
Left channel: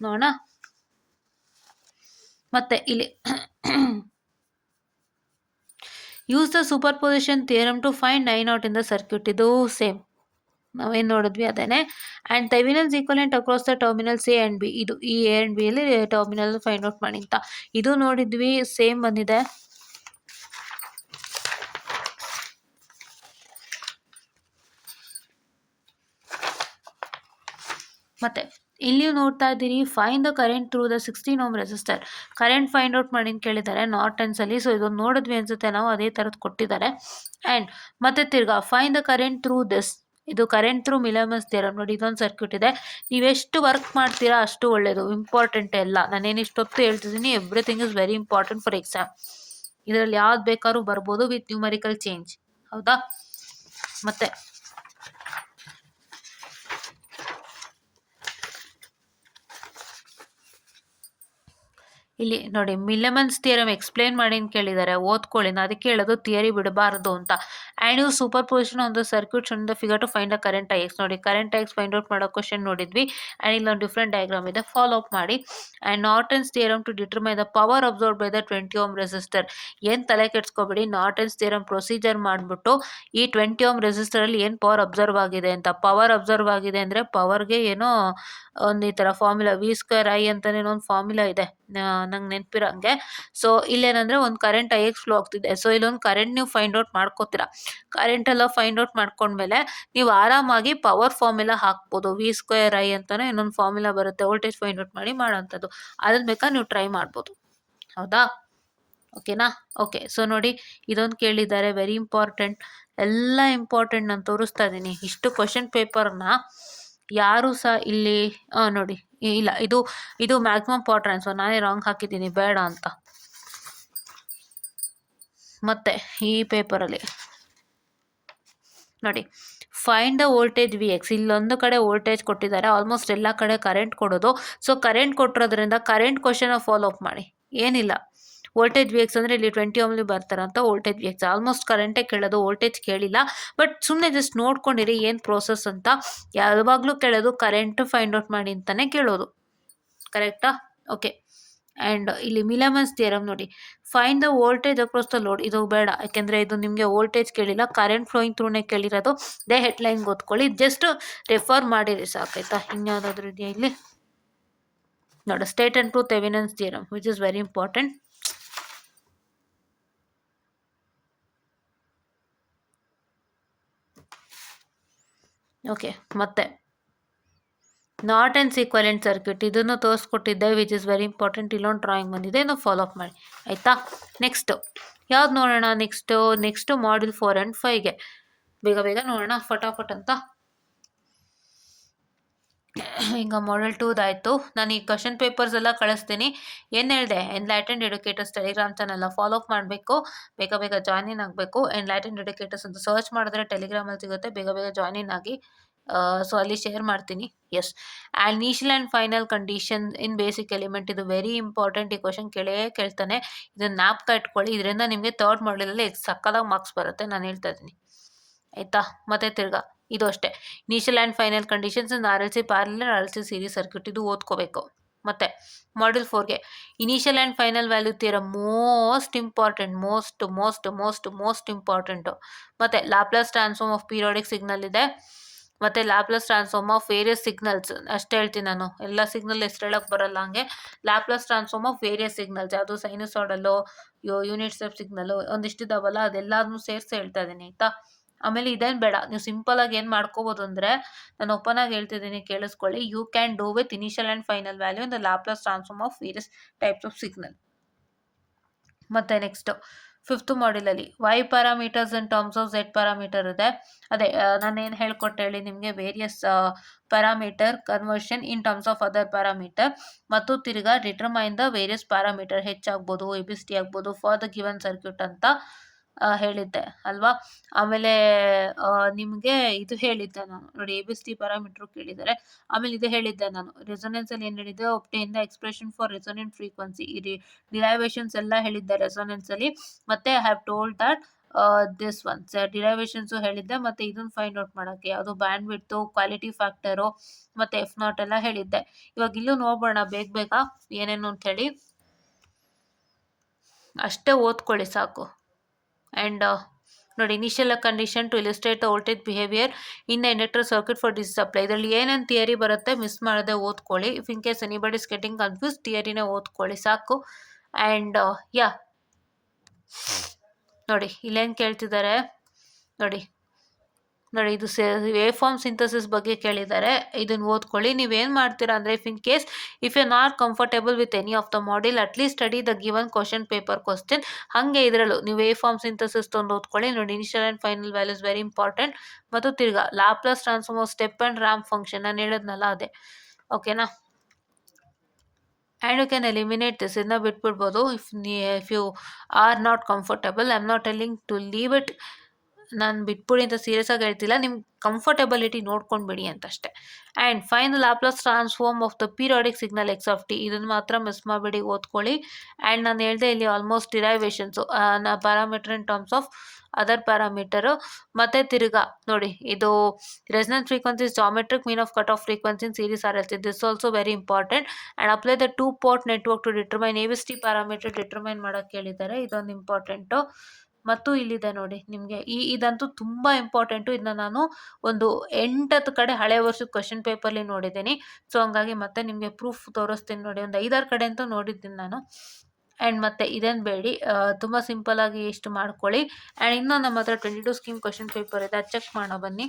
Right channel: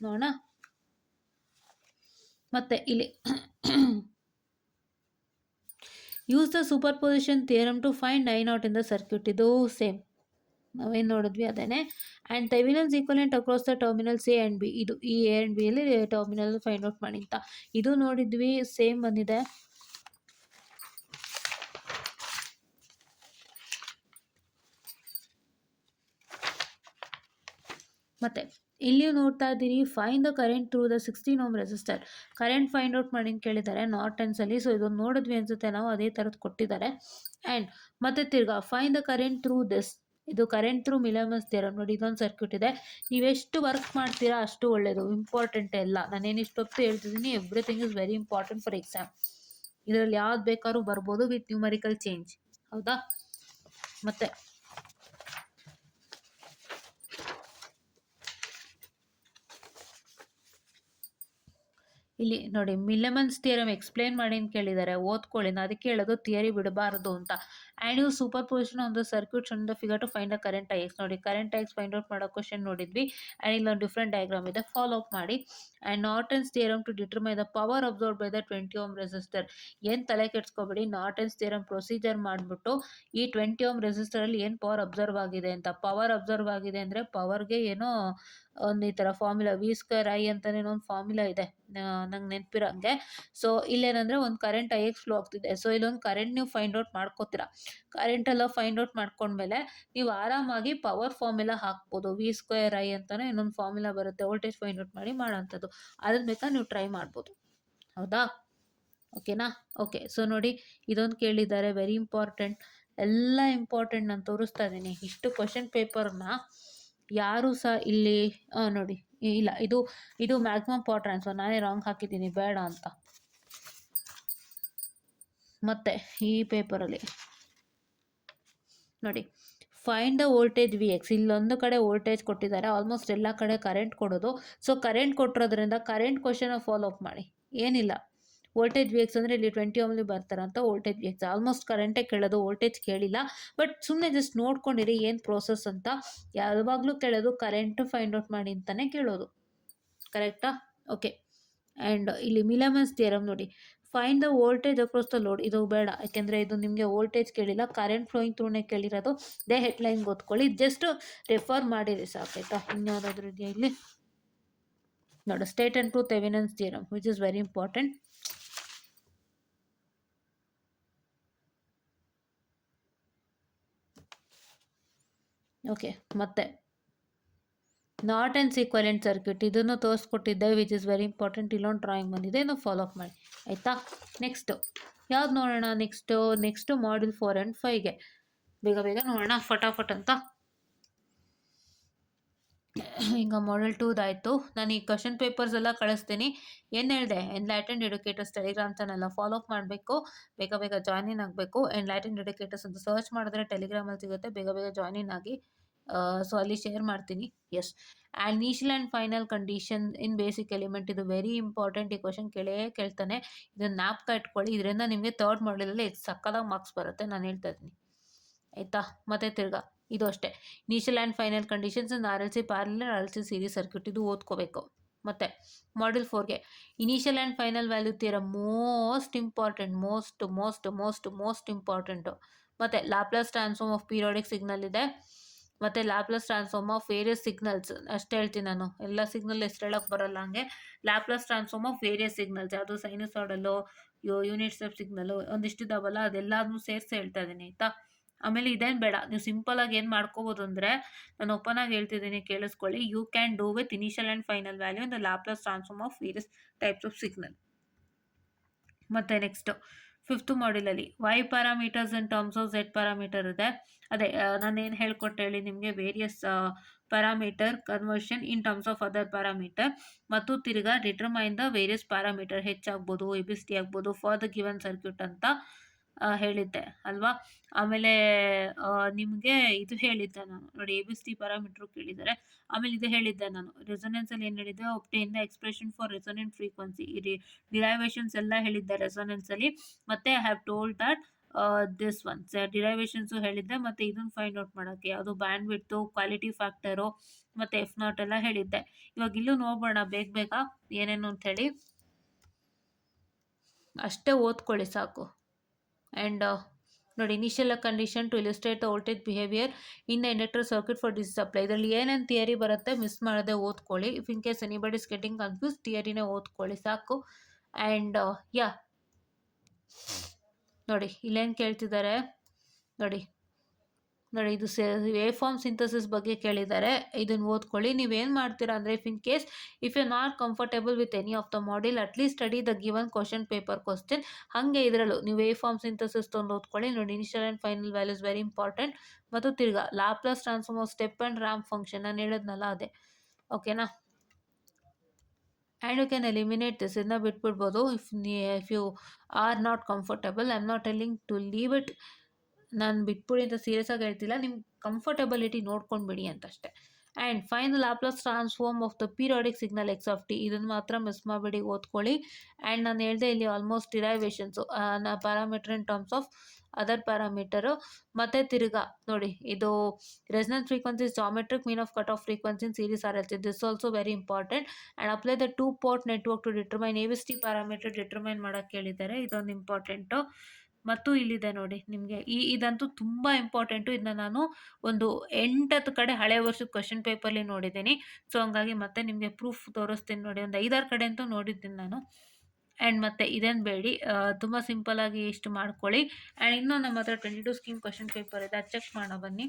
ನೋಡೋಣ. ಮತ್ತೆ ಇಲ್ಲಿ use the superposition theorem to find I naught in the circuit. ಇದು ಸೇಮ್ ನಾವೇನು ನೋಡಿದ್ವಿ ಅದೇನೆ. And Thevenin's equivalent across the terminals A and B. ಇದು ಈ ಎ ಆ್ಯಂಡ್ ಬಿಯಲ್ಲಿ ಟರ್ಮಿನಲ್ ಫೈಂಡ್ ಔಟ್ ಮಾಡಿ ಅಂತ. ಇದು ನೋಡಿದ್ವಿ, ಸೇಮ್ ಬಂದಿದೆ. ಮತ್ತೆ ಇಲ್ಲಿ ನೋಡ್ತಾ ಇದ್ದೀರಿ, find the current through the 16 ohm resistor. Current find out ಮಾಡಿ ಅಂತ ಕೇಳಿದ್ದಾರೆ ನಾರ್ಟನ್ಸಲ್ಲಿ. ಸೊ ಇದೊಂದು ನೋಡಿದ್ವಿ ಅನ್ಸುತ್ತೆ ನಾವು, ಅದೇ ಥರದ್ದು ಕೊಟ್ಟಿದ್ದಾರೆ. ಆ್ಯಂಡ್ ಮತ್ತೆ ತಿರ್ಗಾ find the current through this. ಇದು ಕರೆಂಟ್ ಥ್ರೂ ವಿಲಿಯಮ್ಸ್ ಥಿಯರಮ್. ನೋಡಿ, ಇದೊಂದು ಸರ್ಕ್ಯೂಟ್ ಇದೆ. ನೀವೆಷ್ಟು ವರ್ಕ್ ಮಾಡ್ತೀರಾ ಅಷ್ಟು ಒಳ್ಳೆಯದು. ಇಂಪಾರ್ಟೆಂಟ್ ಎಲ್ಲ ನಾನೇನು ಇಷ್ಟೊತ್ತು ಹೇಳ್ತಿದ್ದೀನಿ, everything is very important for exam. ಇದರಲ್ಲಿ ಯಾವ್ದು ಬೇಕಾದ್ರೂ ಬರ್ಬೋದು ವಿತ್ ನ್ಯೂಮರಿಕಲ್ ಚೇಂಜ್, ಹೌದಾ? ಮತ್ತೆ ಇಲ್ಲಿ ನೋಡಿ, ವಿಲಿಯಮ್ಸ್ ಥಿಯರಮ್ ಎಕ್ಸ್ಪ್ಲೇನ್ ಮಾಡಿ ಅಂತ ಕೇಳಿದ್ದಾರೆ, ಓದ್ಕೊಳ್ಳಿ. ನಾನು ಅದಕ್ಕೆ ಹೇಳೋದು ಥಿಯರಿ ಬಿಡಬಾರ್ದು ಅಂತ. And you superposition on the circuit shown the figure to find the current I X. ನೋಡಿ, current I X find out ಮಾಡೋ ಕ್ವಶನ್ ನೋಡಿದ್ವಿ. ಆ್ಯಂಡ್ ಇಲ್ಲೊಂದು ಡಿಫ್ರೆಂಟ್ ಡಯಾಗ್ರಾಮ್ ಇದೆ, ಫಾಲೋ ಅಪ್ ಮಾಡಿ. And Norton's theorem to determine the power observe by the 20 ohm resistor. ಏನು ತಲೆ ಕೆಡ್ಸ್ಕೊಬೇಡಿ, ನಾರ್ಟನ್ಸ್ theorem procedure ಮಾಡಿಬಿಟ್ಟು ಈ 20 ಓಮ್ ರೆಸಿಸ್ಟರಲ್ಲಿ ಏನು ಪವರ್ ಅಬ್ಸರ್ವ್ ಆಗಿದೆ ಅಂತ. ಪವರ್ ಅಬ್ಸರ್ವ್ ಆಗಿದೆ ಅಂದರೆ ಪವರ್ಗೆ ಏನೋ ಒಂದು ಈ ಥರ ಫಾರ್ಮುಲಾ, V²I ಅಂತಲೇ ಒಂದು ಫಾರ್ಮುಲಾ ಇದೆ, ನಂಗೆ ನೆನಪಿರೋ ಹಂಗೆ. ಸೊ ಇಲ್ಲೇನಂದರೆ ಒಂದು ಕರೆಂಟ್ ಐ ಎಕ್ಸ್ ಫ್ಲೋ ಆಗ್ತಿದೆ. ಸೊ ಇಲ್ಲೊಂದು ಕರೆಂಟ್ ನೀವು ಫೈಂಡ್ ಔಟ್ ಮಾಡ್ಕೋತೀರಾ. ಕರೆಂಟ್ ಎಲ್ಲ ಫೈಂಡ್ ಔಟ್ ಮಾಡ್ಕೊಂಡ್ಮೇಲೆ ನೀವು ಆರಾಮಾಗಿ ಪವರ್ ಫಾರ್ಮುಲಾ ಹಾಕ್ಬೋದು. V²I ಅಂತಲೇ ಇನ್ನೊಂದು ಫಾರ್ಮುಲಾ ಬರುತ್ತೆ, ವೋಲ್ಟೇಜ್ ಫೈಂಡ್ ಔಟ್ ಮಾಡಿ ಮಾಡೋಂಥದ್ದು. ಅದನ್ನ ಬೇಕಾದ್ರೆ ನೀವು ಟ್ರೈ ಮಾಡ್ಬೋದು, ಹೌದಾ? ಓಕೆನಾ? ಓಕೆ. ಸೊ ನೋಡಿ, ಇದೊಂದು ಕೇಳಿದ್ದಾರೆ ವೆರಿ ಇಂಪಾರ್ಟೆಂಟ್. ಎಲ್ಲ ಇಂಪಾರ್ಟೆಂಟ್ ನಾನು ತೋರಿಸ್ತಾ ಇದ್ದೀನಿ. ಇಷ್ಟು ಕ್ವೆಶ್ಚನ್ ಪೇಪರ್‌ನ ಯಾರೂ ಸಹ ಇಲ್ಲಿ ನೋಡಿ, ಇಲ್ಲ ಇದು ಮ್ಯಾಕ್ಸಿಮಮ್ ಪವರ್ ಟ್ರಾನ್ಸ್ಫರ್, ನಾನೇ ರಾಂಗ್ ಹಾಕಿದ್ದೀನಿ ಬೇಡ ಅಂತ. ಮತ್ತೆ ಈ ಪೇಪರಲ್ಲಿ ನೋಡಿ, find the voltage V X. ಇಲ್ಲೊಂದು ಕಡೆ ವೋಲ್ಟೇಜ್ ಕೊಟ್ಟಿದ್ದಾರೆ, ಆಲ್ಮೋಸ್ಟ್ ಎಲ್ಲ ಕಡೆ ಕರೆಂಟ್ ಕೊಡೋದು. ಸೊ ಕರೆಂಟ್ ಕೊಟ್ಟಿರೋದ್ರಿಂದ ಕರೆಂಟ್ ಕ್ವಶನ ಫಾಲೋ ಅಪ್ ಮಾಡಿ. ಏನಿಲ್ಲ, ವೋಲ್ಟೇಜ್ ವಿ ಎಕ್ಸ್ ಅಂದರೆ ಇಲ್ಲಿ 20 ಓಮ್ಲಿ ಬರ್ತಾರಂತ ವೋಲ್ಟೇಜ್ ವಿ ಎಕ್ಸ್. ಆಲ್ಮೋಸ್ಟ್ ಕರೆಂಟೇ ಕೇಳೋದು, ವೋಲ್ಟೇಜ್ ಕೇಳಿಲ್ಲ. ಬಟ್ ಸುಮ್ಮನೆ ಜಸ್ಟ್ ನೋಡ್ಕೊಂಡಿರಿ ಏನು ಪ್ರೋಸೆಸ್ ಅಂತ. ಯಾವಾಗಲೂ ಕೇಳೋದು ಕರೆಂಟ್ ಫೈಂಡ್ ಔಟ್ ಮಾಡಿ ಅಂತಲೇ ಕೇಳೋದು. ಕರೆಕ್ಟಾ? ಓಕೆ. ಆ್ಯಂಡ್ ಇಲ್ಲಿ ಮಿಲಮನ್ಸ್ ಥಿಯರಮ್ ನೋಡಿ, find the voltage across the load. ಇದು ಬೇಡ, ಯಾಕೆಂದರೆ ಇದು ನಿಮಗೆ ವೋಲ್ಟೇಜ್ ಕೇಳಿಲ್ಲ, ಕರೆಂಟ್ ಫ್ಲೋಯಿಂಗ್ ಥ್ರೂನೇ ಕೇಳಿರೋದು. ದೇ ಹೆಡ್ಲೈನ್ ಓದ್ಕೊಳ್ಳಿ, ಜಸ್ಟ್ ರೆಫರ್ ಮಾಡಿರಿ ಸಾಕಾಯ್ತಾ. ಇನ್ಯಾವುದಾದ್ರೂ ಇದೆಯಾ ಇಲ್ಲಿ ನೋಡಿ, state and prove Thevenin's theorem which is very important. Okay. ಮತ್ತೆ ನಾರ್ಟನ್ಸ್ ಈಕ್ವಲೆಂಟ್ ಸರ್ಕ್ಯೂಟ್, ಇದನ್ನು ತೋರಿಸ್ಕೊಟ್ಟಿದ್ದೆ ವಿಚ್ ಇಸ್ ವೆರಿ ಇಂಪಾರ್ಟೆಂಟ್. ಇಲ್ಲೊಂದು ಡ್ರಾಯಿಂಗ್ ಬಂದಿದೆ, ಇದನ್ನು ಫಾಲೋ ಅಪ್ ಮಾಡಿ ಆಯಿತಾ. ನೆಕ್ಸ್ಟು ಯಾವ್ದು ನೋಡೋಣ? ನೆಕ್ಸ್ಟು ಮಾಡ್ಯೂಲ್ 4 ಆ್ಯಂಡ್ 5ಗೆ ಬೇಗ ಬೇಗ ನೋಡೋಣ ಫಟಾಫಟ್ ಅಂತ. ಈಗ ಮಾಡ್ಯೂಲ್ 2ದಾಯಿತು. ನಾನು ಈ ಕ್ವಶನ್ ಪೇಪರ್ಸ್ ಎಲ್ಲ ಕಳಿಸ್ತೀನಿ. ಏನು ಹೇಳಿದೆ, ಎನ್ಲೈಟೆಂಡ್ ಎಡ್ಯುಕೇಟರ್ಸ್ ಟೆಲಿಗ್ರಾಮ್ ಚಾನಲ್ನ ಫಾಲೋ ಅಪ್ ಮಾಡಬೇಕು, ಬೇಗ ಬೇಗ ಜಾಯ್ನ್ ಇನ್ ಆಗಬೇಕು. ಎನ್ಲೈಟೆಂಡ್ ಎಡ್ಯುಕೇಟರ್ಸ್ ಅಂತ ಸರ್ಚ್ ಮಾಡಿದ್ರೆ ಟೆಲಿಗ್ರಾಮಲ್ಲಿ ಸಿಗುತ್ತೆ, ಬೇಗ ಬೇಗ ಜಾಯ್ನ್ ಇನ್ ಆಗಿ. ಸೊ ಅಲ್ಲಿ ಶೇರ್ ಮಾಡ್ತೀನಿ. Yes. And initial and final condition in basic element, ಇದು ವೆರಿ ಇಂಪಾರ್ಟೆಂಟ್. ಈ ಕ್ವಶನ್ ಕೇಳ್ತಾನೆ, ಇದನ್ನು ಜ್ಞಾಪಕ ಇಟ್ಕೊಳ್ಳಿ. ಇದರಿಂದ ನಿಮಗೆ ಥರ್ಡ್ ಮಾಡ್ಯೂಲಲ್ಲಿ ಸಕ್ಕದಾಗಿ ಮಾರ್ಕ್ಸ್ ಬರುತ್ತೆ, ನಾನು ಹೇಳ್ತಾ ಇದ್ದೀನಿ ಆಯಿತಾ. ಮತ್ತೆ ತಿರ್ಗಾ ಇದು ಅಷ್ಟೇ, initial and final conditions in R L C parallel, R L C series circuit, ಇದು ಓದ್ಕೋಬೇಕು. ಮತ್ತು ಮಾಡ್ಯೂಲ್ 4ಗೆ initial and final value theorem, most important, most important. ಮತ್ತು Laplace transform of periodic signal ಇದೆ, ಮತ್ತು Laplace transform of various signals ಅಷ್ಟೇ ಹೇಳ್ತೀನಿ ನಾನು, ಎಲ್ಲ ಸಿಗ್ನಲ್ ಹೆಸರು ಹೇಳೋಕ್ಕೆ ಬರಲ್ಲ. ಹಂಗೆ Laplace transform of various signals, ಯಾವುದು ಸೈನುಸಾಯ್ಡಲ್ಲು, ಯೂನಿಟ್ ಸ್ಟೆಪ್ ಸಿಗ್ನಲ್ಲು ಒಂದಿಷ್ಟಿದಾವಲ್ಲ, ಅದೆಲ್ಲದನ್ನೂ ಸೇರಿಸಿ ಹೇಳ್ತಾ ಇದ್ದೀನಿ ಆಯಿತಾ. ಆಮೇಲೆ ಇದೇನು ಬೇಡ, ನೀವು ಸಿಂಪಲಾಗಿ ಏನು ಮಾಡ್ಕೋಬೋದು ಅಂದರೆ, ನಾನು ಓಪನ್ ಆಗಿ ಹೇಳ್ತಿದ್ದೀನಿ ಕೇಳಿಸ್ಕೊಳ್ಳಿ. You can do with initial and final value in the Laplace transform of various types of signal. ಮತ್ತು ನೆಕ್ಸ್ಟು 5th ಮಾಡ್ಯೂಲಲ್ಲಿ Y parameters in terms of Z parameter ಇದೆ. ಅದೇ ನಾನು ಏನು ಹೇಳ್ಕೊಟ್ಟೆ ಹೇಳಿ ನಿಮಗೆ, various parameter conversion in terms of other parameter, ಮತ್ತು ತಿರ್ಗಾ ಡಿಟರ್ಮೈನ್ ದ ವೇರಿಯಸ್ ಪ್ಯಾರಾಮೀಟರ್, ಹೆಚ್ಚಾಗ್ಬೋದು ಎ ಬಿ ಸಿ ಟಿ ಆಗ್ಬೋದು ಫಾರ್ ದ ಗಿವನ್ ಸರ್ಕ್ಯೂಟ್ ಅಂತ ಹೇಳಿದ್ದೆ ಅಲ್ವಾ. ಆಮೇಲೆ ನಿಮಗೆ ಇದು ಹೇಳಿದ್ದೆ ನಾನು ನೋಡಿ, A B C T parameter ಕೇಳಿದ್ದಾರೆ. ಆಮೇಲೆ ಇದು ಹೇಳಿದ್ದೆ ನಾನು, ರೆಸೊನೆನ್ಸಲ್ಲಿ ಏನು ಹೇಳಿದ್ದೆ, obtain the expression for resonant frequency, ಈ ಡಿರೈವೇಷನ್ಸ್ ಎಲ್ಲ ಹೇಳಿದ್ದೆ ರೆಸೊನೆನ್ಸಲ್ಲಿ. ಮತ್ತು I have told that this ones derivations ಹೇಳಿದ್ದೆ. ಮತ್ತು ಇದನ್ನು ಫೈಂಡ್ ಔಟ್ ಮಾಡೋಕ್ಕೆ ಯಾವುದು ಬ್ಯಾಂಡ್ ವಿಡ್ತು, ಕ್ವಾಲಿಟಿ ಫ್ಯಾಕ್ಟರು, ಮತ್ತು F0 ಎಲ್ಲ ಹೇಳಿದ್ದೆ. ಇವಾಗ ಇಲ್ಲೂ ನೋಡೋಣ ಬೇಗ ಏನೇನು ಅಂಥೇಳಿ, ಅಷ್ಟೇ ಓದ್ಕೊಳ್ಳಿ ಸಾಕು. ಆ್ಯಂಡ್ ನೋಡಿ, initial condition to illustrate the voltage behaviour in the inductor circuit for DC supply, ಇದರಲ್ಲಿ ಏನೇನು ಥಿಯರಿ ಬರುತ್ತೆ ಮಿಸ್ ಮಾಡದೆ ಓದ್ಕೊಳ್ಳಿ. If in case anybody is getting confuse, ಥಿಯರಿನೇ ಓದ್ಕೊಳ್ಳಿ ಸಾಕು. ಆ್ಯಂಡ್ ನೋಡಿ ಇಲ್ಲೇನು ಕೇಳ್ತಿದ್ದಾರೆ ನೋಡಿ, ಇದು ವೇವ್ ಫಾರ್ಮ್ ಸಿಂಥಸಿಸ್ ಬಗ್ಗೆ ಕೇಳಿದ್ದಾರೆ, ಇದನ್ನು ಓದ್ಕೊಳ್ಳಿ. ನೀವೇನು ಮಾಡ್ತೀರಾ ಅಂದರೆ, if you not comfortable with any of the module, at least study the given question paper question. ಹಾಗೆ ಇದರಲ್ಲೂ ನೀವು ವೇವ್ ಫಾರ್ಮ್ ಸಿಂಥಸಿಸ್ ತಂದು ಓದ್ಕೊಳ್ಳಿ. ನೋಡಿ, initial and final values very important. ಮತ್ತು ತಿರ್ಗಾ Laplace transform of step and ramp function, ನಾನು ಹೇಳಿದ್ನಲ್ಲ ಅದೇ. ಓಕೆನಾ. And you can eliminate this, ಇದನ್ನ ಬಿಟ್ಬಿಡ್ಬೋದು if you are not comfortable. I am not telling to leave it, ನಾನು ಬಿಟ್ಬಿಡಿ ಅಂತ ಸೀರಿಯಸ್ ಆಗಿ ಹೇಳ್ತಿಲ್ಲ, ನಿಮ್ಮ ಕಂಫರ್ಟೆಬಿಲಿಟಿ ನೋಡ್ಕೊಂಡ್ಬಿಡಿ ಅಂತಷ್ಟೇ. And final Laplace transform of the periodic signal X of T, ಇದನ್ನು ಮಾತ್ರ ಮಿಸ್ ಮಾಡಬೇಡಿ, ಓದ್ಕೊಳ್ಳಿ. ಆ್ಯಂಡ್ ನಾನು ಹೇಳಿದೆ ಇಲ್ಲಿ almost derivations parameter in terms of other parameter. ಮತ್ತು ತಿರ್ಗಾ ನೋಡಿ, ಇದು resonance frequencies geometric mean of cut off frequency in series R L C, this also very important. And apply the 2 port network to determine A B C T parameter, determine ಮಾಡೋಕ್ಕೆ ಕೇಳಿದ್ದಾರೆ, ಇದೊಂದು important. ಮತ್ತು ಇಲ್ಲಿದೆ ನೋಡಿ ನಿಮಗೆ, ಇದಂತೂ ತುಂಬ important. ಇದನ್ನ ನಾನು ಒಂದು 8 ಕಡೆ ಹಳೆ ವರ್ಷದ ಕ್ವಶನ್ ಪೇಪರ್ಲಿ ನೋಡಿದ್ದೀನಿ. ಸೊ ಹಂಗಾಗಿ ಮತ್ತೆ ನಿಮಗೆ ಪ್ರೂಫ್ ತೋರಿಸ್ತೀನಿ ನೋಡಿ, ಒಂದು 5-6 ಕಡೆ ಅಂತೂ ನೋಡಿದ್ದೀನಿ ನಾನು. ಆ್ಯಂಡ್ ಮತ್ತೆ ಇದೇನು ಬೇಡಿ, ತುಂಬ ಸಿಂಪಲ್ಲಾಗಿ ಇಷ್ಟು ಮಾಡ್ಕೊಳ್ಳಿ. ಆ್ಯಂಡ್ ಇನ್ನೂ ನಮ್ಮ ಹತ್ರ 22 ಸ್ಕೀಮ್ ಕ್ವಶನ್ ಪೇಪರ್ ಇದೆ, ಅದು ಚೆಕ್ ಮಾಡೋಣ ಬನ್ನಿ.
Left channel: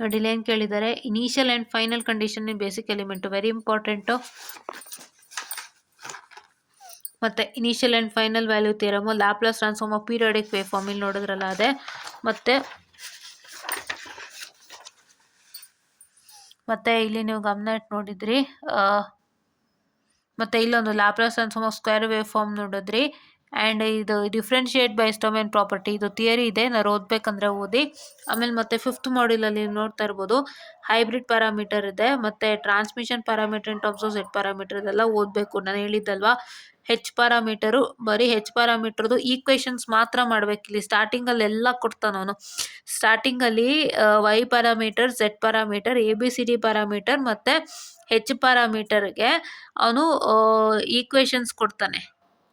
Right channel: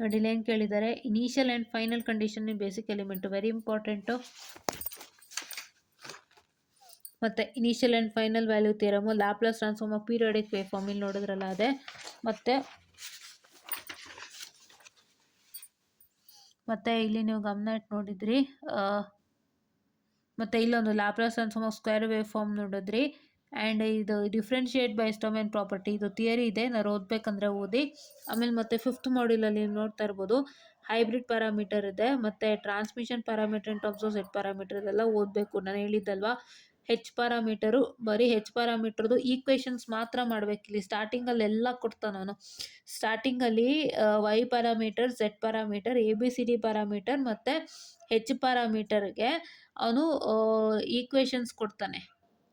ನೋಡಿ ಇಲ್ಲಿ ಏನು ಕೇಳಿದ್ದಾರೆ, initial and final condition in basic element very important. ಮತ್ತು initial and final value theorem, Laplace transform of periodic wave form ಇಲ್ಲಿ ನೋಡಿದ್ರಲ್ಲ ಅದೇ. ಮತ್ತು ಇಲ್ಲಿ ನೀವು ಗಮನ ಇಟ್ಟು ನೋಡಿದ್ರಿ, ಮತ್ತು ಇಲ್ಲೊಂದು Laplace transform of square wave form ನೋಡಿದ್ರಿ. ಆ್ಯಂಡ್ ಇದು ಡಿಫ್ರೆನ್ಷಿಯೇಟ್ ಬೈ ಡೊಮೇನ್ ಪ್ರಾಪರ್ಟಿ, ಇದು ಥಿಯರಿ ಇದೆ, ನಾವು ಓದಬೇಕಂದ್ರೆ ಓದಿ. ಆಮೇಲೆ ಮತ್ತೆ 5th ಮಾಡ್ಯೂಲಲ್ಲಿ ನೋಡ್ತಾ ಇರ್ಬೋದು ಹೈಬ್ರಿಡ್ ಪ್ಯಾರಾಮೀಟರ್ ಇದೆ, ಮತ್ತು transmission parameter in terms of Z parameter ಇದೆಲ್ಲ ಓದಬೇಕು. ನಾನು ಹೇಳಿದ್ದಲ್ವಾ ಹೆಚ್ ಪ್ಯಾರಾಮೀಟರು, ಬರೀ ಹೆಚ್ ಪ್ಯಾರಾಮೀಟರ್ದು ಈಕ್ವೇಷನ್ಸ್ ಮಾತ್ರ ಮಾಡಬೇಕು. ಇಲ್ಲಿ ಸ್ಟಾರ್ಟಿಂಗಲ್ಲಿ ಎಲ್ಲ ಕೊಡ್ತಾನೆ ಅವನು. ಸ್ಟಾರ್ಟಿಂಗಲ್ಲಿ Y parameter, Z parameter, ABCD parameter ಮತ್ತು ಹೆಚ್ ಪ್ಯಾರಾಮೀಟರ್ಗೆ ಅವನು ಈಕ್ವೇಷನ್ಸ್ ಕೊಡ್ತಾನೆ.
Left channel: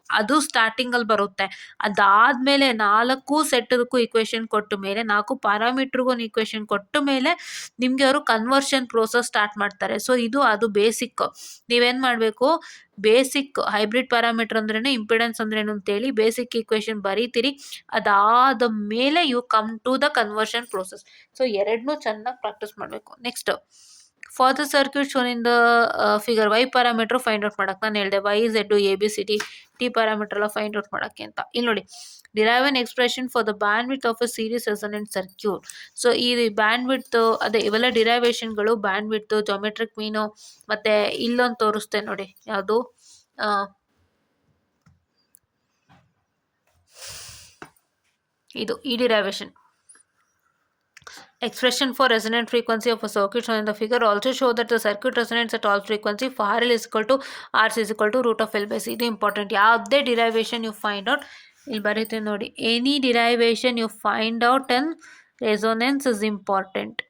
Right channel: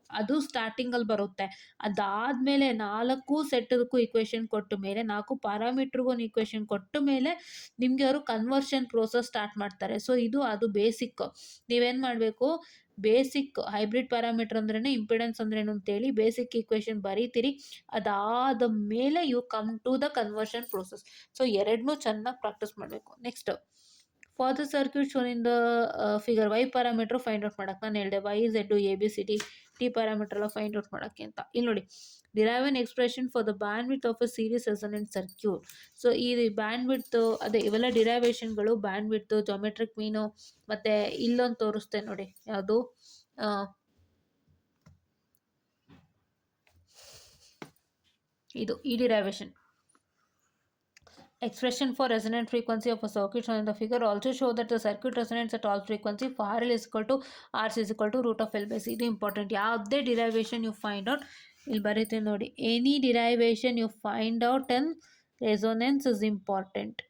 ಅದು ಸ್ಟಾರ್ಟಿಂಗಲ್ಲಿ ಬರುತ್ತೆ. ಅದಾದಮೇಲೆ 4 ಸೆಟ್ದಕ್ಕೂ ಈಕ್ವೇಷನ್ ಕೊಟ್ಟ ಮೇಲೆ, 4 ಪ್ಯಾರಾಮೀಟ್ರಿಗೂ ಒಂದು ಈಕ್ವೇಷನ್ ಕೊಟ್ಟ ಮೇಲೆ ನಿಮಗೆ ಅವರು ಕನ್ವರ್ಷನ್ ಪ್ರೋಸೆಸ್ ಸ್ಟಾರ್ಟ್ ಮಾಡ್ತಾರೆ. ಸೊ ಅದು ಬೇಸಿಕ್. ನೀವೇನು ಮಾಡಬೇಕು, ಬೇಸಿಕ್ ಹೈಬ್ರಿಡ್ ಪ್ಯಾರಾಮೀಟರ್ ಅಂದ್ರೇ ಇಂಪಿಡೆನ್ಸ್ ಅಂದ್ರೇನು ಅಂತೇಳಿ ಬೇಸಿಕ್ ಈಕ್ವೇಷನ್ ಬರೀತೀರಿ. ಅದಾದ ಮೇಲೆ you come to the conversion process. So ಎರಡನ್ನೂ ಚೆನ್ನಾಗಿ ಪ್ರಾಕ್ಟೀಸ್ ಮಾಡಬೇಕು. Next, for the circuit shown in the figure Y parameter find out ಮಾಡೋಕ್ಕೆ ನಾನು ಹೇಳಿದೆ, Y Z ABCD T parameter ಎಲ್ಲ ಫೈಂಡ್ ಔಟ್ ಮಾಡೋಕ್ಕೆ ಅಂತ. ಇಲ್ಲಿ ನೋಡಿ, derive an expression for the band width of a series resonant circuit. So ಈ band width ಅದೇ ಇವೆಲ್ಲ ಡಿರೈವೇಷನ್ಗಳು, ಬ್ಯಾಂಡ್ ವಿಡ್ತ್, ಜಾಮೆಟ್ರಿಕ್ ಮೀನು, ಮತ್ತು ಇಲ್ಲೊಂದು ತೋರಿಸ್ತೆ ನೋಡಿ, ಯಾವುದು ಇದು ಈ derivation. Expression for resonant frequency of a circuit shown in the figure also show that the circuit resonates at all frequency. For RL is equal to RC is equal to root of L by C. ಇದು important. ಯಾವುದೇ derivation you find out, ಇಲ್ಲಿ ಬರೀತೀನಿ ನೋಡಿ, any derivation you find out and resonance is important.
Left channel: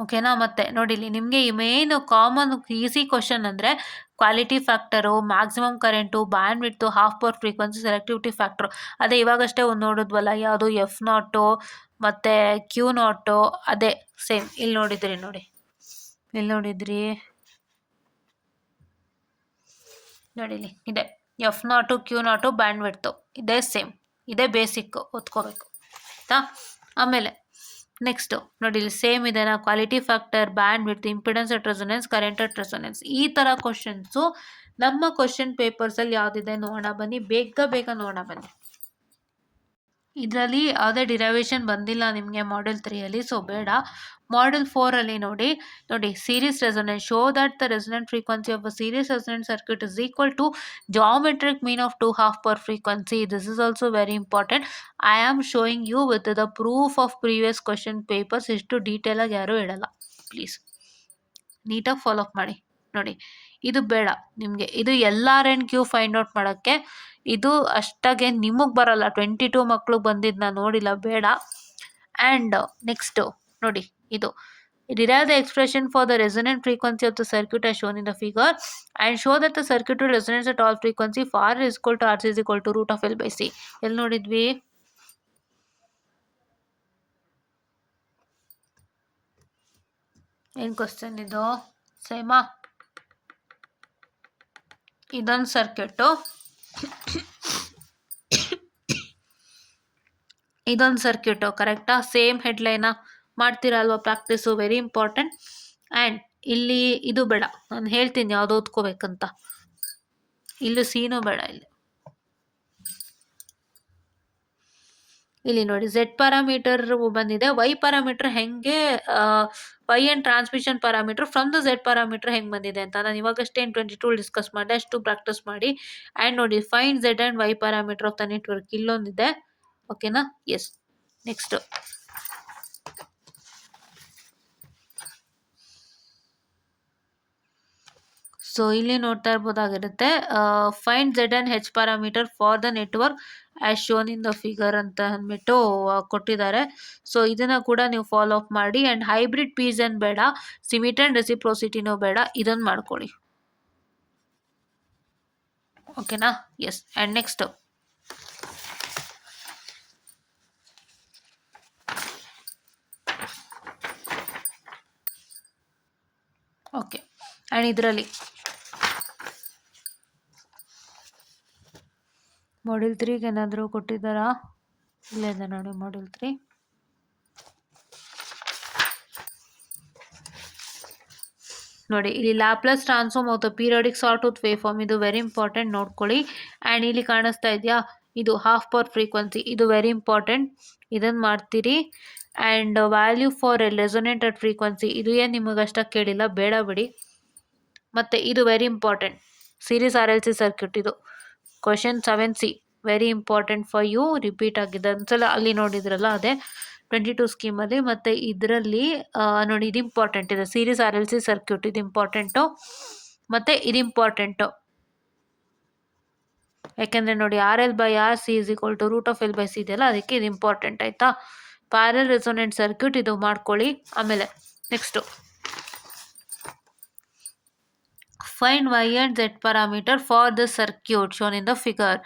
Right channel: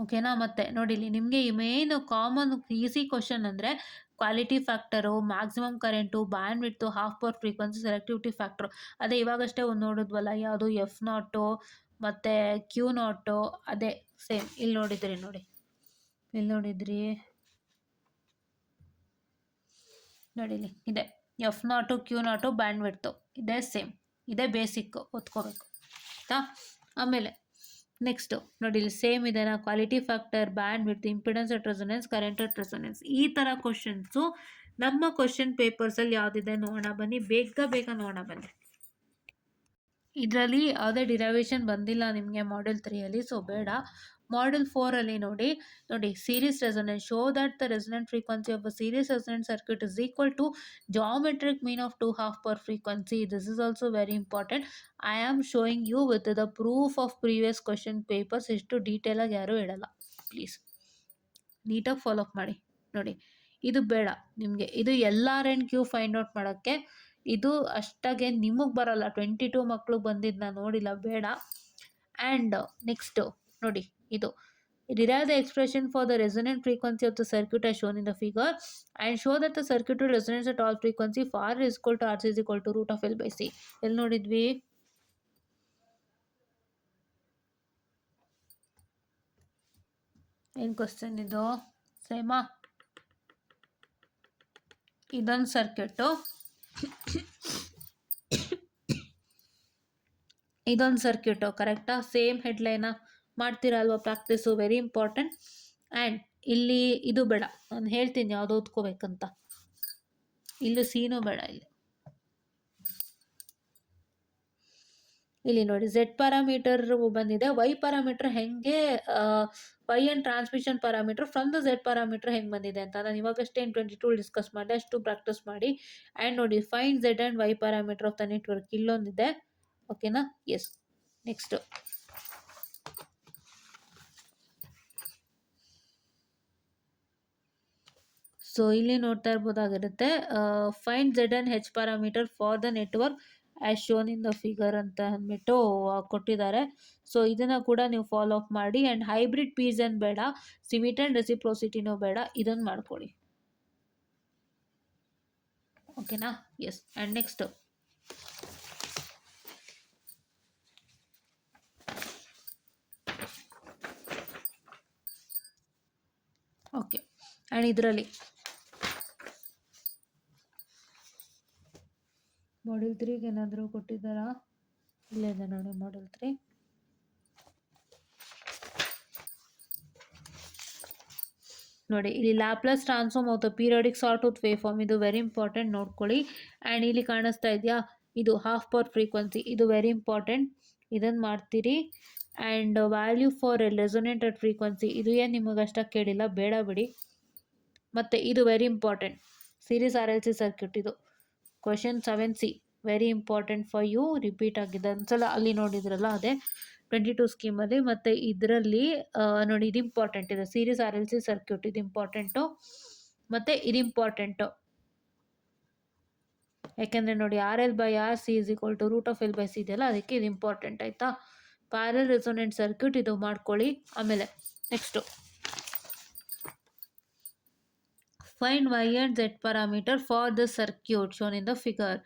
ಓಕೆನಾ. ಮತ್ತೆ ನೋಡಿ ಇಲ್ಲಿ ನಿಮಗೆ ಮೇನ್ ಕಾಮನ್ ಈಸಿ ಕ್ವಶನ್ ಅಂದರೆ quality factor, maximum current, bandwidth, half power frequency, selectivity factor. ಅದೇ ಇವಾಗಷ್ಟೇ ಒಂದು ನೋಡಿದ್ವಲ್ಲ, ಯಾವುದು F0 ಮತ್ತು Q0, ಅದೇ ಸೇಮ್ ಇಲ್ಲಿ ನೋಡಿದ್ರಿ. ನೋಡಿ ಇಲ್ಲಿ ಇದೆ F0 Q0 ಬ್ಯಾಂಡ್ ವಿಡ್ತು, ಇದೇ ಸೇಮ್, ಇದೇ ಬೇಸಿಕ್ ಓದ್ಕೋಬೇಕು ಆಯಿತಾ. ಆಮೇಲೆ ನೆಕ್ಸ್ಟು ನೋಡಿ ಇಲ್ಲಿ ಸೇಮ್ ಇದೆನಾ, quality factor, band width, impedance at resonance, current at resonance. ಈ ಥರ ಕ್ವಶನ್ಸು ನಮ್ಮ ಕ್ವಶನ್ ಪೇಪರ್ಸಲ್ಲಿ ಯಾವುದಿದೆ ನೋಡೋಣ ಬನ್ನಿ, ಬೇಗ ನೋಡೋಣ ಬನ್ನಿ. ಇದರಲ್ಲಿ ಯಾವುದೇ ಡಿರೈವೇಷನ್ ಬಂದಿಲ್ಲ ನಿಮಗೆ ಮಾಡ್ಯೂಲ್ 3ಅಲ್ಲಿ, ಸೊ ಬೇಡ. ಮಾಡ್ಯೂಲ್ 4ಅಲ್ಲಿ ನೋಡಿ series resonance. Show that the resonant frequency of a series resonant circuit is equal to geometric mean of 2 half power frequency. This is also very important. I am showing you with the proof of previous question papers. ಇಷ್ಟು ಡೀಟೇಲಾಗಿ ಯಾರೂ ಹೇಳಲ್ಲ, please ನೀಟಾಗಿ follow up ಮಾಡಿ. ನೋಡಿ ಇದು ಬೇಡ ನಿಮಗೆ, ಇದು LR&Q ಫೈಂಡ್ ಔಟ್ ಮಾಡೋಕ್ಕೆ. ಇದು ಅಷ್ಟಾಗೆ ನಿಮಗೆ ಬರಲ್ಲ, 22 ಮಕ್ಳಿಗೆ ಬಂದಿದ್ದು ನಾನು ನೋಡಿಲ್ಲ, ಬೇಡ. ಆ್ಯಂಡ್ ನೆಕ್ಸ್ಟು ನೋಡಿ, ಇದು derive the expression for the resonant frequency of the circuit as shown in the figure and show that the circuit resonates at all frequency. For R is equal to RC is equal to root of L by C. ಎಲ್ಲಿ ನೋಡಿದ್ವಿ? ಏನು question ಇದು ಸೇಮಾ? ಇದೊಂದು circuit, ಇದೊಂದು circuit, ಕರೆಕ್ಟಾ? Same ಹೆಡ್ಲೈನಾ? ಮಾಡ್ತೀರಲ್ವ practice, very important. And ಇಲ್ಲಿ ಇದು ಬೇಡ, ನಾನು ಹೇಳ್ತೀನಿ ಯಾವುದು ಓದ್ಕೋಬೇಕಂತ. ಇಲ್ಲಿ ಸೀನೂ ಬೇಡ. ಇಲ್ಲಿ ನೋಡಿ ಝೆಡ್ ಪ್ಯಾರಾಮೀಟರ್ ಬಂದಿದೆ, ವೈ ಪ್ಯಾರಾಮೀಟರ್ ಹೆಂಗೆ, Y and transmission parameter from the Z parameter ಹೆಂಗೆ ಬಂದಿದೆ ಅಂತ ನಾನು ಇವಾಗಷ್ಟೇ 22 ಡಿಸ್ಕಸ್ ಮಾಡಿದೆ, ಅಷ್ಟು ಪ್ರಾಕ್ಟೀಸ್ ಮಾಡಿ. ಆ್ಯಂಡ್ ನೋಡಿ find Z and Y parameter of the network, ಇಲ್ಲೊಂದಿದೆ. ಓಕೆನಾ? ಎಸ್. ನೆಕ್ಸ್ಟ್ ಸೊ ಇಲ್ಲಿ ನೋಡ್ತಾ ಇರ್ಬೋದಾಗಿರುತ್ತೆ, find Z and H parameter for the network as shown in the figure ಅಂತ ಅಂದ್ಬಿಟ್ಟು ಕೊಟ್ಟಿದ್ದಾರೆ. ಸೊ ಇದನ್ನು ಕೂಡ ನೀವು ಫಾಲೋ ಅಪ್ ಮಾಡಿ. ಆ್ಯಂಡ್ ಹೈಬ್ರಿಡ್ ಪೀಸನ್ ಬೇಡ, ಸಿಮಿಟ್ ಆ್ಯಂಡ್ ರೆಸಿಪ್ರೋಸಿಟಿನೂ ಬೇಡ, ಇದನ್ನು ಮಾಡ್ಕೊಳ್ಳಿ. ಓಕೆನಾ? Yes. And next okay. And ಇದರಲ್ಲಿ ಮಾಡ್ಯೂಲ್ 3ಗೆ ಏನಾದರೂ ಕೊಟ್ಟಿದ್ದಾರಾ? ಇಲ್ಲೇ ಇದೆ ನೋಡಿ ಮಾಡ್ಯೂಲ್ 3. ನೋಡಿ ಇಲ್ಲಿ Laplace transform of the periodic sawtooth wave form, ಇದು ವೆರಿ ಇಂಪಾರ್ಟೆಂಟ್ ನೋಡ್ಕೊಳ್ಳಿ. ಆ್ಯಂಡ್ ಇಲ್ಲಿ ಕಾಣಿಸ್ತಾ ಇದೆಯಾ, ಇದು ಹಾಫ್ ಪವರ್ ಫ್ರೀಕ್ವೆನ್ಸಿ, ಇದು ವೆರಿ ಇಂಪಾರ್ಟೆಂಟ್, ಇದನ್ನು ಮಾಡ್ತೀರಿ. And value for resonant at frequency, ಇದು ಏನು ನಿಮಗಷ್ಟಾಗಿ ಕೇಳಿಲ್ಲ, ಬೇಡ ಬಿಡಿ. ಮತ್ತು ಇದು very important, series RLC circuit, ಇದು question 7C very important for you, repeat ಆಗಿದೆ ಒಂದ್ಸಲ, ಅಲ್ಲಿ ನೋಡಿದ್ರಲ್ಲ ಅದೇ 22 ಸ್ಕೀಮಲ್ಲಿ. ಮತ್ತು ಇದರಲ್ಲಿ ನೋಡಿ ಇದು ಇಂಪಾರ್ಟೆಂಟ್ ಇದೆ, ಸೀರೀಸ್ RLC ಸರ್ಕ್ಯೂಟ್, ಇದು ಇಂಪಾರ್ಟೆಂಟು. ಮತ್ತು ಇದು ಇಂಪಾರ್ಟೆಂಟು, ಯಾಕೆಂದರೆ ನೋಡಿ RL/RC √L/C ಇದೆಯಲ್ಲ, ಅದಕ್ಕೆ ಇದು ಇಂಪಾರ್ಟೆಂಟ್ ಆಯಿತಾ. ಪ್ಯಾರಲ್ ರೆಸೊನೆಂಟ್ ಸರ್ಕ್ಯೂಟ್ ಇದು ಮಾಡ್ಕೊಳ್ಳಿ. ಆಮೇಲೆ next find Y and Z parameter for the circuit shown in the figure.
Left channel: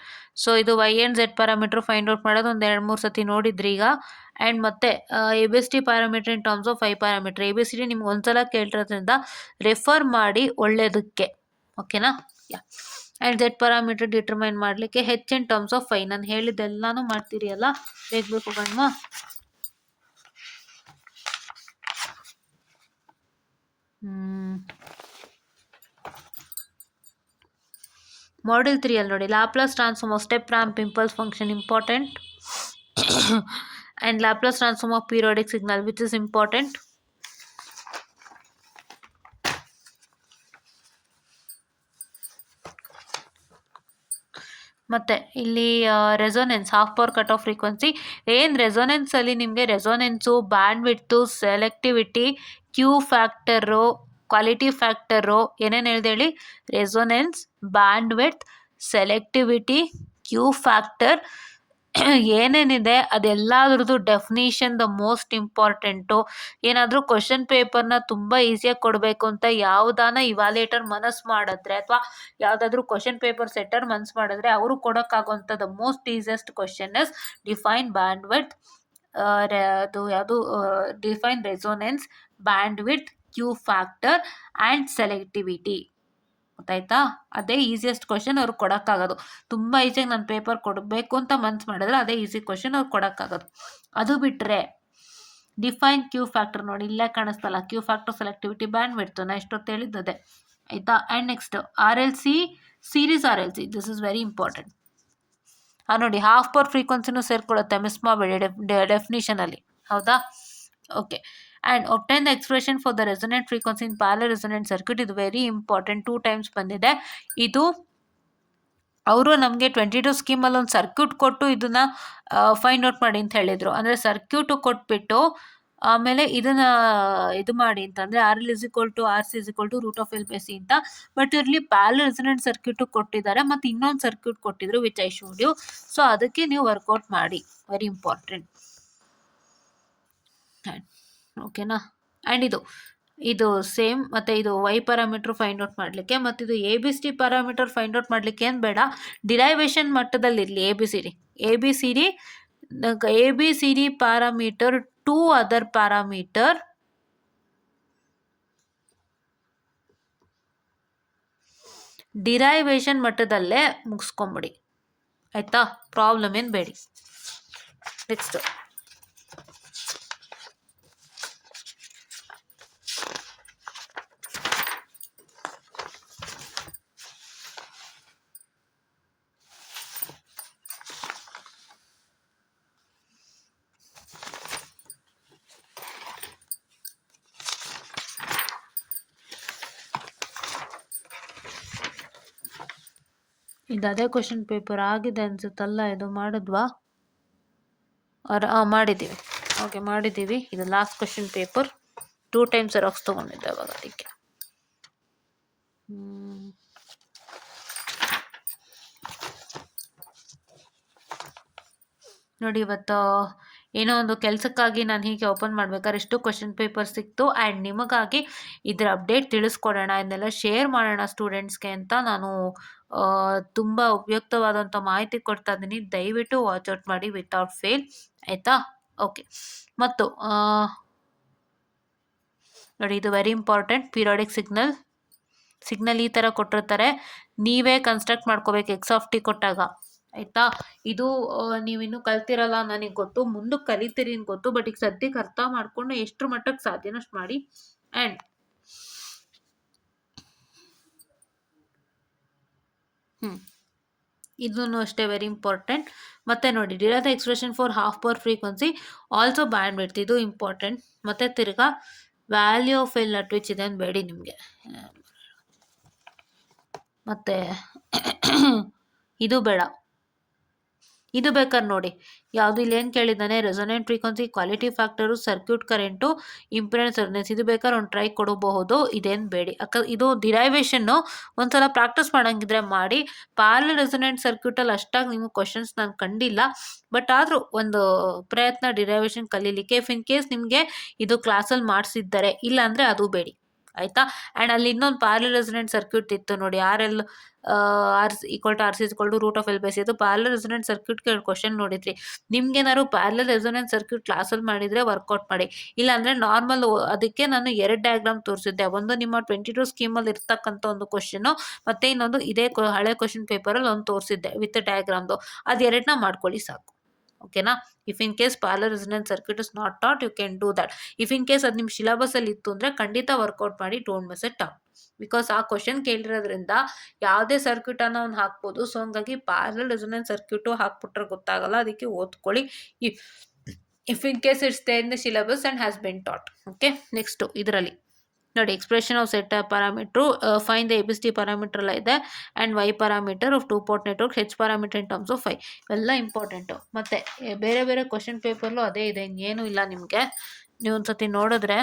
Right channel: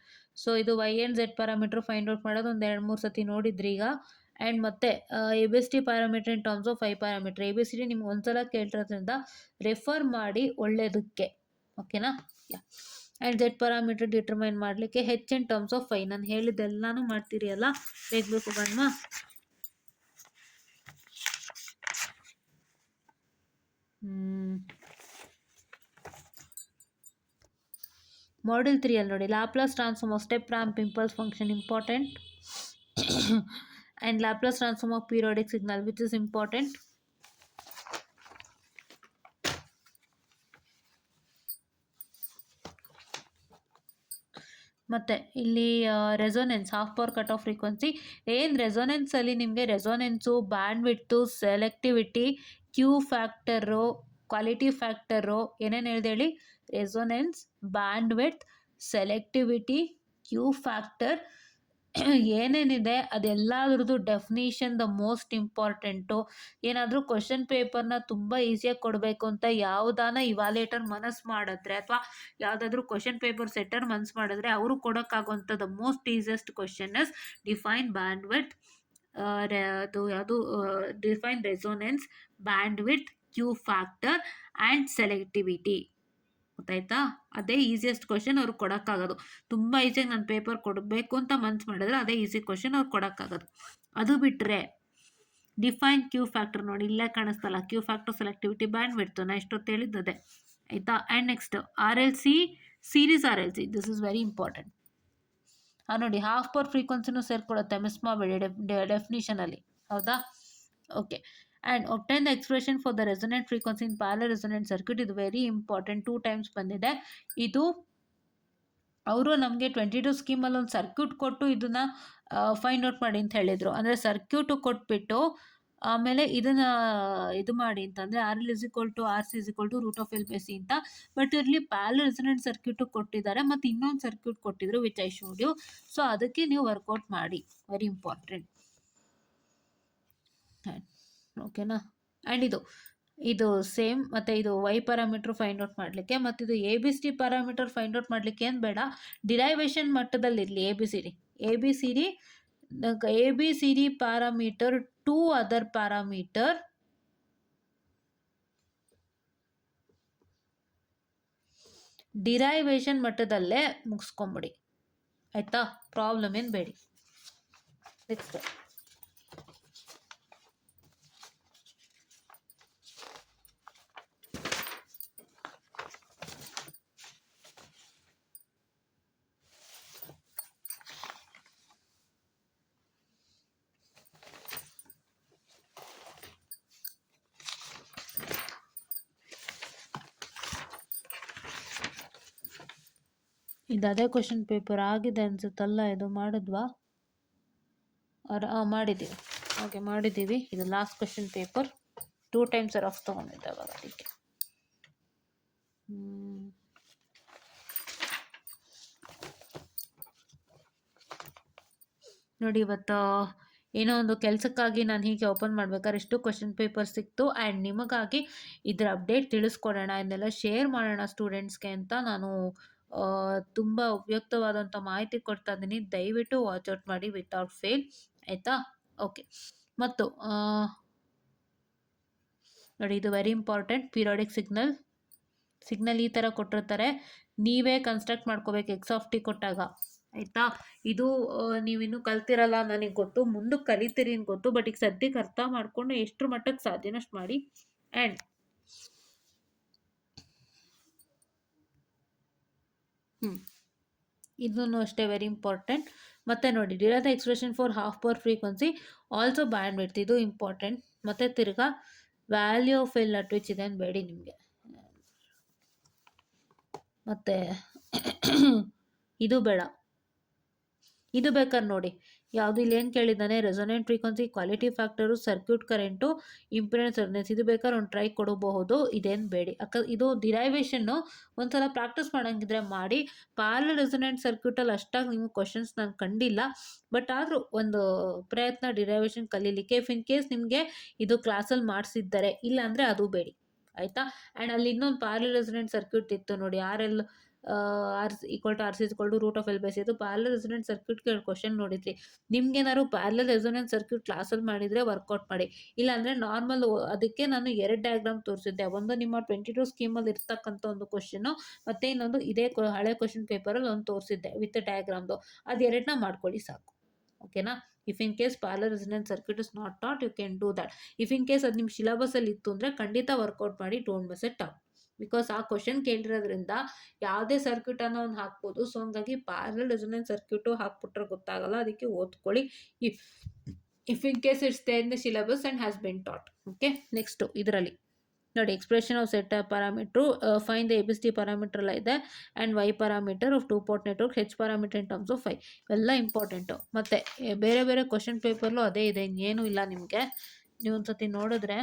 So ಇದು Y and Z parameter find out ಮಾಡೋದು ಒಂದು 2-3 ಸತಿ ನೋಡಿದ್ರಿ ಈಗ. ಆ್ಯಂಡ್ ಮತ್ತೆ ABCD parameter in terms of 5 parameter. ABCD ನಿಮ್ಗೆ ಒಂದ್ಸಲ ಕೇಳಿರೋದ್ರಿಂದ ರೆಫರ್ ಮಾಡಿ ಒಳ್ಳೆಯದಕ್ಕೆ, ಓಕೆನಾ. ಆ್ಯಂಡ್ Z ಪ್ಯಾರಾಮೀಟರ್ ಡಿಟರ್ಮೈನ್ ಮಾಡಲಿಕ್ಕೆ H ಇನ್ ಟರ್ಮ್ಸ್ ಆಫ್ 5. ನಾನು ಹೇಳಿದ್ದೆಲ್ಲನೂ ಮಾಡ್ತೀರಿ ಅಲ್ಲ, ಬೇಗ ಹೋಗೋಣ. ಮಾಡ್ಯೂಲ್ 3 ಅಲ್ಲಿ ನೋಡಿ Laplace transform of step ramp impulse function important. And Laplace transform of periodic signal which is important. ಮತ್ತು ಇಲ್ಲಿ resonance half power cut off frequency. ಏನು ರೆಸೊನೆನ್ಸಲ್ಲಿ ನಿಮಗೆ resonance, bandwidth, selectivity, Q factor, quality factor, ಏನೇನು ಹೇಳ್ದೆ ಹೇಳಿ, resonance, bandwidth, selectivity, Q factor, ಏನೇನಿದೆ ಅದೆಲ್ಲದ್ರದ್ದು ಡೆಫಿನಿಷನ್ ದ ಮೋಸ್ಟ್ ಇಂಪಾರ್ಟೆಂಟು. ಏನಾದರೂ ಕ್ವಶನ್ ಪೇಪರ್ನ ತುಂಬ ಈಸಿಯಾಗಿ ಕೊಡಬೇಕು ಅಂತ ಯಾವುದಾನ ಇವಾಲೇಟರ್ ಮನಸ್ಸು ಮಾಡಿದ್ರೆ, ಅಥವಾ ಯಾವುದಾದ್ರೂ ಕ್ವಶನ್ ಪೇಪರ್ ಸೆಟ್ಟರ್ ಮನಸ್ಸು ಮಾಡಿದ್ರೆ, ಅವರು ಕೊಡೋಕ್ಕಾಗೋಂಥ the most easiest question is define bandwidth, ಅದು ಯಾವುದು define resonance, bandwidth, Q factor and selectivity. ಗೊತ್ತಾಯ್ತಾ? ಅದೇ ಈಸಿಯೆಸ್ಟ್ ಕ್ವಶನ್ ಅವ್ರಿಗೆ ಕೊಡೋಕ್ಕಾಗೋದು. ತುಂಬ ಈಸಿಯಾಗಿ ನಾನು ಪೇಪರ್ ಕೊಡಬೇಕು ಅಂತ ಮನ್ಸು ಮಾಡಿದ್ರೆ ಅದೇ ಈಸಿ ಕ್ವಶನ್ ಅವ್ರಿಗೆ ಕೊಡೋಕ್ಕಾಗೋದು. ಅದು ಬಿಟ್ಟರೆ ಡಿಫೈನ್ ಕ್ಯೂ ಫ್ಯಾಕ್ಟರ್ ನೋಡಿ ಇಲ್ಲೇ ಕಾಣಿಸ್ತಲ್ಲ, Q factor, selectivity, bandwidth, ನಾ ಎಷ್ಟೊತ್ತು ಹೇಳಿದ್ದದೆ ಆಯಿತಾ. And next RLC, series RLC, this is very important. ನೋಡಿ ಹಾಫ್ ಪವರ್ ಫ್ರೀಕ್ವೆನ್ಸಿನೂ ಸೇರ್ಕೊಳ್ಳುತ್ತೆ, ಮಿಸ್ ಮಾಡಬೇಡಿ ಡೆಫಿನಿಷನಲ್ಲಿ, ಹೌದಾ. Okay. And obtain the expression for the resonant frequency in parallel resonant circuit, ಇದು ವೆರಿ ಇಂಪಾರ್ಟೆಂಟ್, 2 times ಬಂದಿದೆ. ಇದು ಅವರು ನಮಗೆ 22 ಸ್ಕೀಮಲ್ಲಿ ಒಂದು ಸರ್ಕ್ಯೂಟ್ ಕೊಟ್ಟು ಇದನ್ನು ಫೈಂಡ್ ಔಟ್ ಮಾಡಿ ಅಂತ ಹೇಳಿದರು. ಅಂದರೆ ಸರ್ಕ್ಯೂಟು ಕೊಟ್ಬಿಟ್ಟು ಆಮೇಲೆ ಇದನ್ನು ಇದು ಮಾಡಿ ಅಂತಂದರೆ RL = RC √L/C ಅಂತ. ಬಟ್ ಇರಲಿ ಪ್ಯಾರಲಲ್ ರೆಸೊನೆಂಟ್ ಸರ್ಕ್ಯೂಟು ಕೊಟ್ಟಿದ್ದಾರೆ, ಮತ್ತು ಇನ್ನೊಂದು ಸರ್ಕ್ಯೂಟ್ ಕೊಟ್ಟಿದ್ರು which I showed you. So ಅದಕ್ಕೆ ನೀವು ವರ್ಕೌಟ್ ಮಾಡಿ, ವೆರಿ ಇಂಪಾರ್ಟೆಂಟ್, ಓಕೆನಾ. ಆ್ಯಂಡ್ ಇದು ಸೇಮ್. ಮತ್ತು ಇದು Y ಪ್ಯಾರಾಮೀಟ್ರ್ ಫೈಂಡ್ ಔಟ್ ಮಾಡಲಿಕ್ಕೆ, ಮತ್ತು ಇದು ABCD ಪ್ಯಾರಾಮೀಟರ್ ಫೈಂಡ್ ಔಟ್ ಮಾಡಲಿಕ್ಕೆ ಏನು ಬೇಡ, ಡಿರೈವೇಷನ್ ಮಟ್ಟದಲ್ಲಿರಲಿ ABCD parameter to other parameter derivation ಮಟ್ಟದಲ್ಲೇ ಮುಗಿಸ್ಕೊಂಬಿಡಿ, ಆಯಿತಾ. ಪ್ರಾಬ್ಲಮ್ ಏನು ಬೇಡಿ. ನೆಕ್ಸ್ಟ್ ಇದು ಅದೇ ಕ್ವಶನ್ ಪೇಪರ್ ಆಗಿದೆ ಅನ್ಸುತ್ತಲ್ಲ, ಇದು ಮಾಡಿದ್ವಾ? ಮಾಡಿದ್ದೀವಿ, ಓಕೆ ಮಾಡಿದ್ದೀವಿ. ಇದು last question paper, 2 times xerox ತೊಗೊಂಡಿದ್ದೆ ಅವಾಗ, ಅದಕ್ಕೆ. ನೋಡಿ ಇವತ್ತು ಏನೋ ಒಂದು ಕೆಲಸಕ್ಕಾಗಿ ನಾನು ಹೀಗೆ ಓಪನ್ ಮಾಡ್ಬೇಕಾದ್ರೆ ಎಷ್ಟು ಕ್ವಶನ್ ಪೇಪರ್ ಸಿಕ್ತು. ಆ್ಯಂಡ್ ನಿಮಗಾಗಿ ಇದರ ಅಪ್ಡೇಟ್ ತಿಳಿಸ್ಕೊಡೋಣ, ಇದನ್ನೆಲ್ಲ ಶೇರ್ ಮಾಡೋಣ ಸ್ಟೂಡೆಂಟ್ಸ್ಗೆ ಅಂತ ನಾನು ತುಂಬ ಉಪಯುಕ್ತವಾದಂಥ ಮಾಹಿತಿ ಕೊಡ್ತಾ ಇದ್ದೀನಿ. ದಯವಿಟ್ಟು ವಾಚ್ ಔಟ್ ಮಾಡಿ ವಿತೌಟ್ ಫೇಲ್, ಆಯಿತಾ. ಓಕೆ. ಮತ್ತು ನೋಡಿ ಇದು ವೆರಿ ಇಂಪಾರ್ಟೆಂಟ್, ಪೀರಿಯಾಡಿಕ್ ಸಿಗ್ನಲ್ ಈ ಥರ ಕೊಟ್ಟಿರ್ತಾರೆ, ನೀವೇ ಕನ್ಸ್ಟ್ರಕ್ಟ್ ಮಾಡ್ಕೋಬೇಕು X(t) ಕೊಟ್ಟಾಗ, ಆಯಿತಾ. ಇದು ನೀವಿನ್ನೂ ಕಲ್ತಿರಲ್ಲ ನನಗೆ ಗೊತ್ತು, ಮುಂದಕ್ಕೆ ಕಲಿತೀರಿ ಅಂತ ಗೊತ್ತು. ಬಟ್ ಈಗ ಸದ್ಯಕ್ಕೆ ಅರ್ಥ ಮಾಡಿಕೊಂಡು ಎಷ್ಟರ ಮಟ್ಟಕ್ಕೆ ಸಾಧ್ಯನೋ ಅಷ್ಟು ಮಾಡಿ. ಆ್ಯಂಡ್ ಇದನ್ನು ಅಷ್ಟೇ ವೆರಿ ಇಂಪಾರ್ಟೆಂಟ್. ಮತ್ತು ನೋಡಿ, derive the expression for half power frequency also band width, ಇದು ಇಂಪಾರ್ಟೆಂಟ್. ಮತ್ತು ತಿರ್ಗಾ value of L at which ಇದೆ ಬೇಡಿ ನಿಮಗೆ. ಮತ್ತು ಇದು ಬೇಡ, ಇದು ಬೇಕಾದ್ರೆ ನೋಡಿ ಯಾವುದು ಇಲ್ಲಿ ಏನು ಕೇಳಿದ್ದಾನೆ, resonant frequency, quality factor, circuit current, impedance resonance, ಇದು ಬೇಕಾದ್ರೆ ಒಂದು ಟ್ರೈ ಕೊಡಬಹುದು. ಇದೇನು ಬೇಡಿ, ಇದು ಡಿರೈವೇಷನ್ನು ಒಂದ್ಸಲ ಪ್ರಾಕ್ಟೀಸ್ ಮಾಡೋಂಗಿದ್ರೆ ಮಾಡಿ. ಪ್ಯಾರಲಲ್ ರೆಸೊನೆಂಟ್ ಸರ್ಕ್ಯೂಟಲ್ಲಿ ಅಷ್ಟಾಗಿ ನಿಮಗೆ ಕ್ವಶನ್ಸ್ ನಾನು ಕಂಡಿಲ್ಲ. ಬಟ್ ಆದರೂ ಒಂದು ಪ್ರಯತ್ನ ಡಿರೈವೇಷನ್ ಕಲೀಲಿಕ್ಕೆ. ಇಫ್ ಇನ್ ಕೇಸ್ ನಿಮಗೆ ಇದು ಕ್ಲಾಸಲ್ಲಿ ಮಾಡಿಸಿದ್ದಾರೆ, ಇಲ್ಲಾಂದರೆ ಅದು ಬೇಡಿ ಆಯಿತಾ. ಆ್ಯಂಡ್ ಅಲ್ಲಿ ಇನ್ನೊಂದು ಪ್ಯಾರಲಲ್ ರೆಸೊನೆಂಟ್ ಸರ್ಕ್ಯೂಟ್ ಇತ್ತು ನೋಡಿ, RL R=C=√L/C. ಇದು ಪ್ಯಾರಲಲ್ ರೆಸೊನೆಂಟ್ ಸರ್ಕ್ಯೂಟ್ಗೆ ಕ್ವಶನ್ ನೋಡಿದ್ರಿ. ನಿಮ್ಗೇನಾದ್ರು ಪ್ಯಾರಲಲ್ ರೆಸೊನೆಂಟ್ ಸರ್ಕ್ಯೂಟ್ ಕ್ಲಾಸಲ್ಲಿ ಮಾಡಿದರೆ ವರ್ಕೌಟ್ ಮಾಡಿ. ಇಲ್ಲಾಂದರೆ ನಾರ್ಮಲ್, ಅದಕ್ಕೆ ನಾನು 2 ಡಯಾಗ್ರಾಮ್ ತೋರಿಸಿದ್ದೆ. ಒಂದು ನಿಮ್ಮ 22 ಸ್ಕೀಮಲ್ಲಿ ಇರ್ತಕ್ಕಂಥ ಒಂದು ಕ್ವಶನು, ಮತ್ತು ಇನ್ನೊಂದು ಇದೇ ಹಳೆ ಕ್ವಶನ್ ಪೇಪರಲ್ಲಿ ಒಂದು ತೋರಿಸಿದ್ದೆ ವಿತ್ ಡಯಾಗ್ರಾಮ್ದು. ಅದು 2ನ ಮಾಡ್ಕೊಳ್ಳಿ ಸಾಕು. ಓಕೆನಾ. If in case parallel resonant circuit is not taught, you can do that. If in case ಅದು ನಿಮ್ಮ ಸಿಲೆಬಸಲ್ಲಿ ಇತ್ತು ಅಂದರೆ ಖಂಡಿತ ವರ್ಕೌಟ್ ಮಾಡಿ, don't miss it out. Because ಆ ಕ್ವಶನ್ ಕೇಳಿರೋದ್ರಿಂದ ಯಾವುದೇ ಸರ್ಕ್ಯೂಟನ್ನು ಅವ್ನು ಹಾಕ್ಬೋದು. ಸೊ ಹಂಗಾಗಿ ಪ್ಯಾರಲಲ್ ರೆಸೊನೆಂಟ್ ಸರ್ಕ್ಯೂಟು ಹಾಕ್ಬಿಟ್ರೆ ಗೊತ್ತಾಗಲ್ಲ, ಅದಕ್ಕೆ ಓದ್ಕೊಳ್ಳಿ. If in case it's there in the syllabus and has been taught. Okay. Next ಇದರಲ್ಲಿ ನೋಡಿ, expression of set parameter, find the ABCD parameter ಎಲ್ಲ ಇದೆ. And Y parameter of 2 port network, H parameter in terms of 5 ಎಲ್ಲ important. ಮತ್ತು ಬೇರೆ ಬೇರೆ question ಪೇಪರ್ಲು ಅದೇ ಇದೆ, ಇನ್ನೇನು ಇಲ್ಲ ನಿಮಗೆ. ನೀವು ಒಂದು ಸತಿ ನೋಡಿದ್ರೆ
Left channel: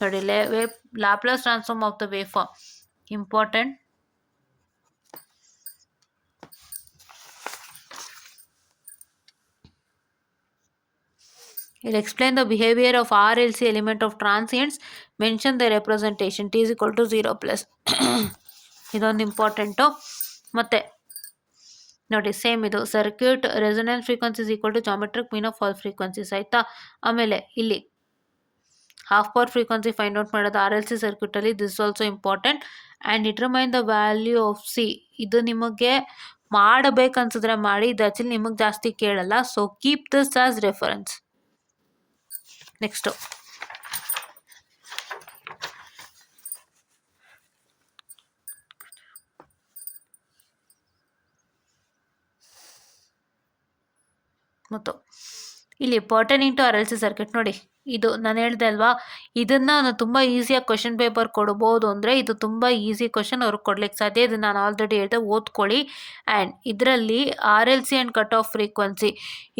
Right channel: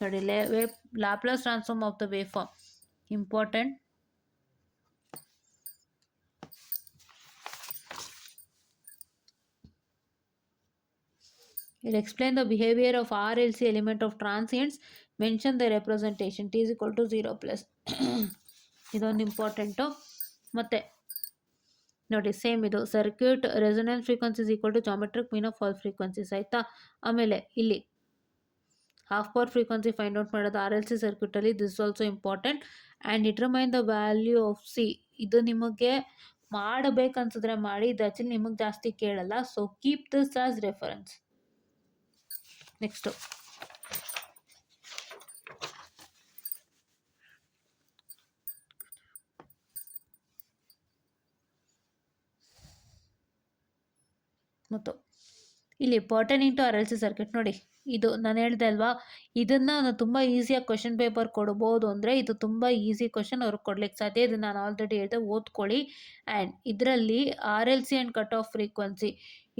ನೋಡಿ, Laplace transform of the wave form important. It explain the behavior of RLC element of transients, mention the representation T=0+. ಇದೊಂದು ಇಂಪಾರ್ಟೆಂಟು. ಮತ್ತು ನೋಡಿ ಸೇಮ್ ಇದು circuit resonance frequency geometric mean of fall frequencies ಆಯಿತಾ. ಆಮೇಲೆ ಇಲ್ಲಿ half power frequency find out ಮಾಡೋದು RLC ಸರ್ಕ್ಯೂಟಲ್ಲಿ, this also important. And determine the value of C, ಇದು ನಿಮಗೆ ಮಾಡಬೇಕನ್ಸಿದ್ರೆ ಮಾಡಿ, ಇದು ಆ್ಯಕ್ಚುಲಿ ನಿಮಗೆ ಜಾಸ್ತಿ ಕೇಳಲ್ಲ. So keep this as reference. Next ಮತ್ತು ಇಲ್ಲಿ ಪರ್ಟನಿಂಗ್ ಟು RLC ಸರ್ಕ್ಯೂಟ್ ನೋಡಿ, ಇದು ನಾನು ಹೇಳ್ದೆ ಅಲ್ವಾ, ಇದನ್ನು ನಾನು ತುಂಬ ಈಸಿಯಾಗಿ ಕ್ವಶನ್ ಪೇಪರ್ ಕೊಡ್ಬೋದು. ಅಂದರೆ ಇದು ತುಂಬ ಈಸಿ ಕ್ವಶನ್ ಅವ್ರಿಗೆ ಕೊಡ್ಲಿಕ್ಕೆ ಸಾಧ್ಯ. ಇದು ನಾನು ಆಲ್ರೆಡಿ ಹೇಳಿದೆ, ಓದ್ಕೊಳ್ಳಿ. ಆ್ಯಂಡ್ ಇದರಲ್ಲಿ RLC and cut off frequency,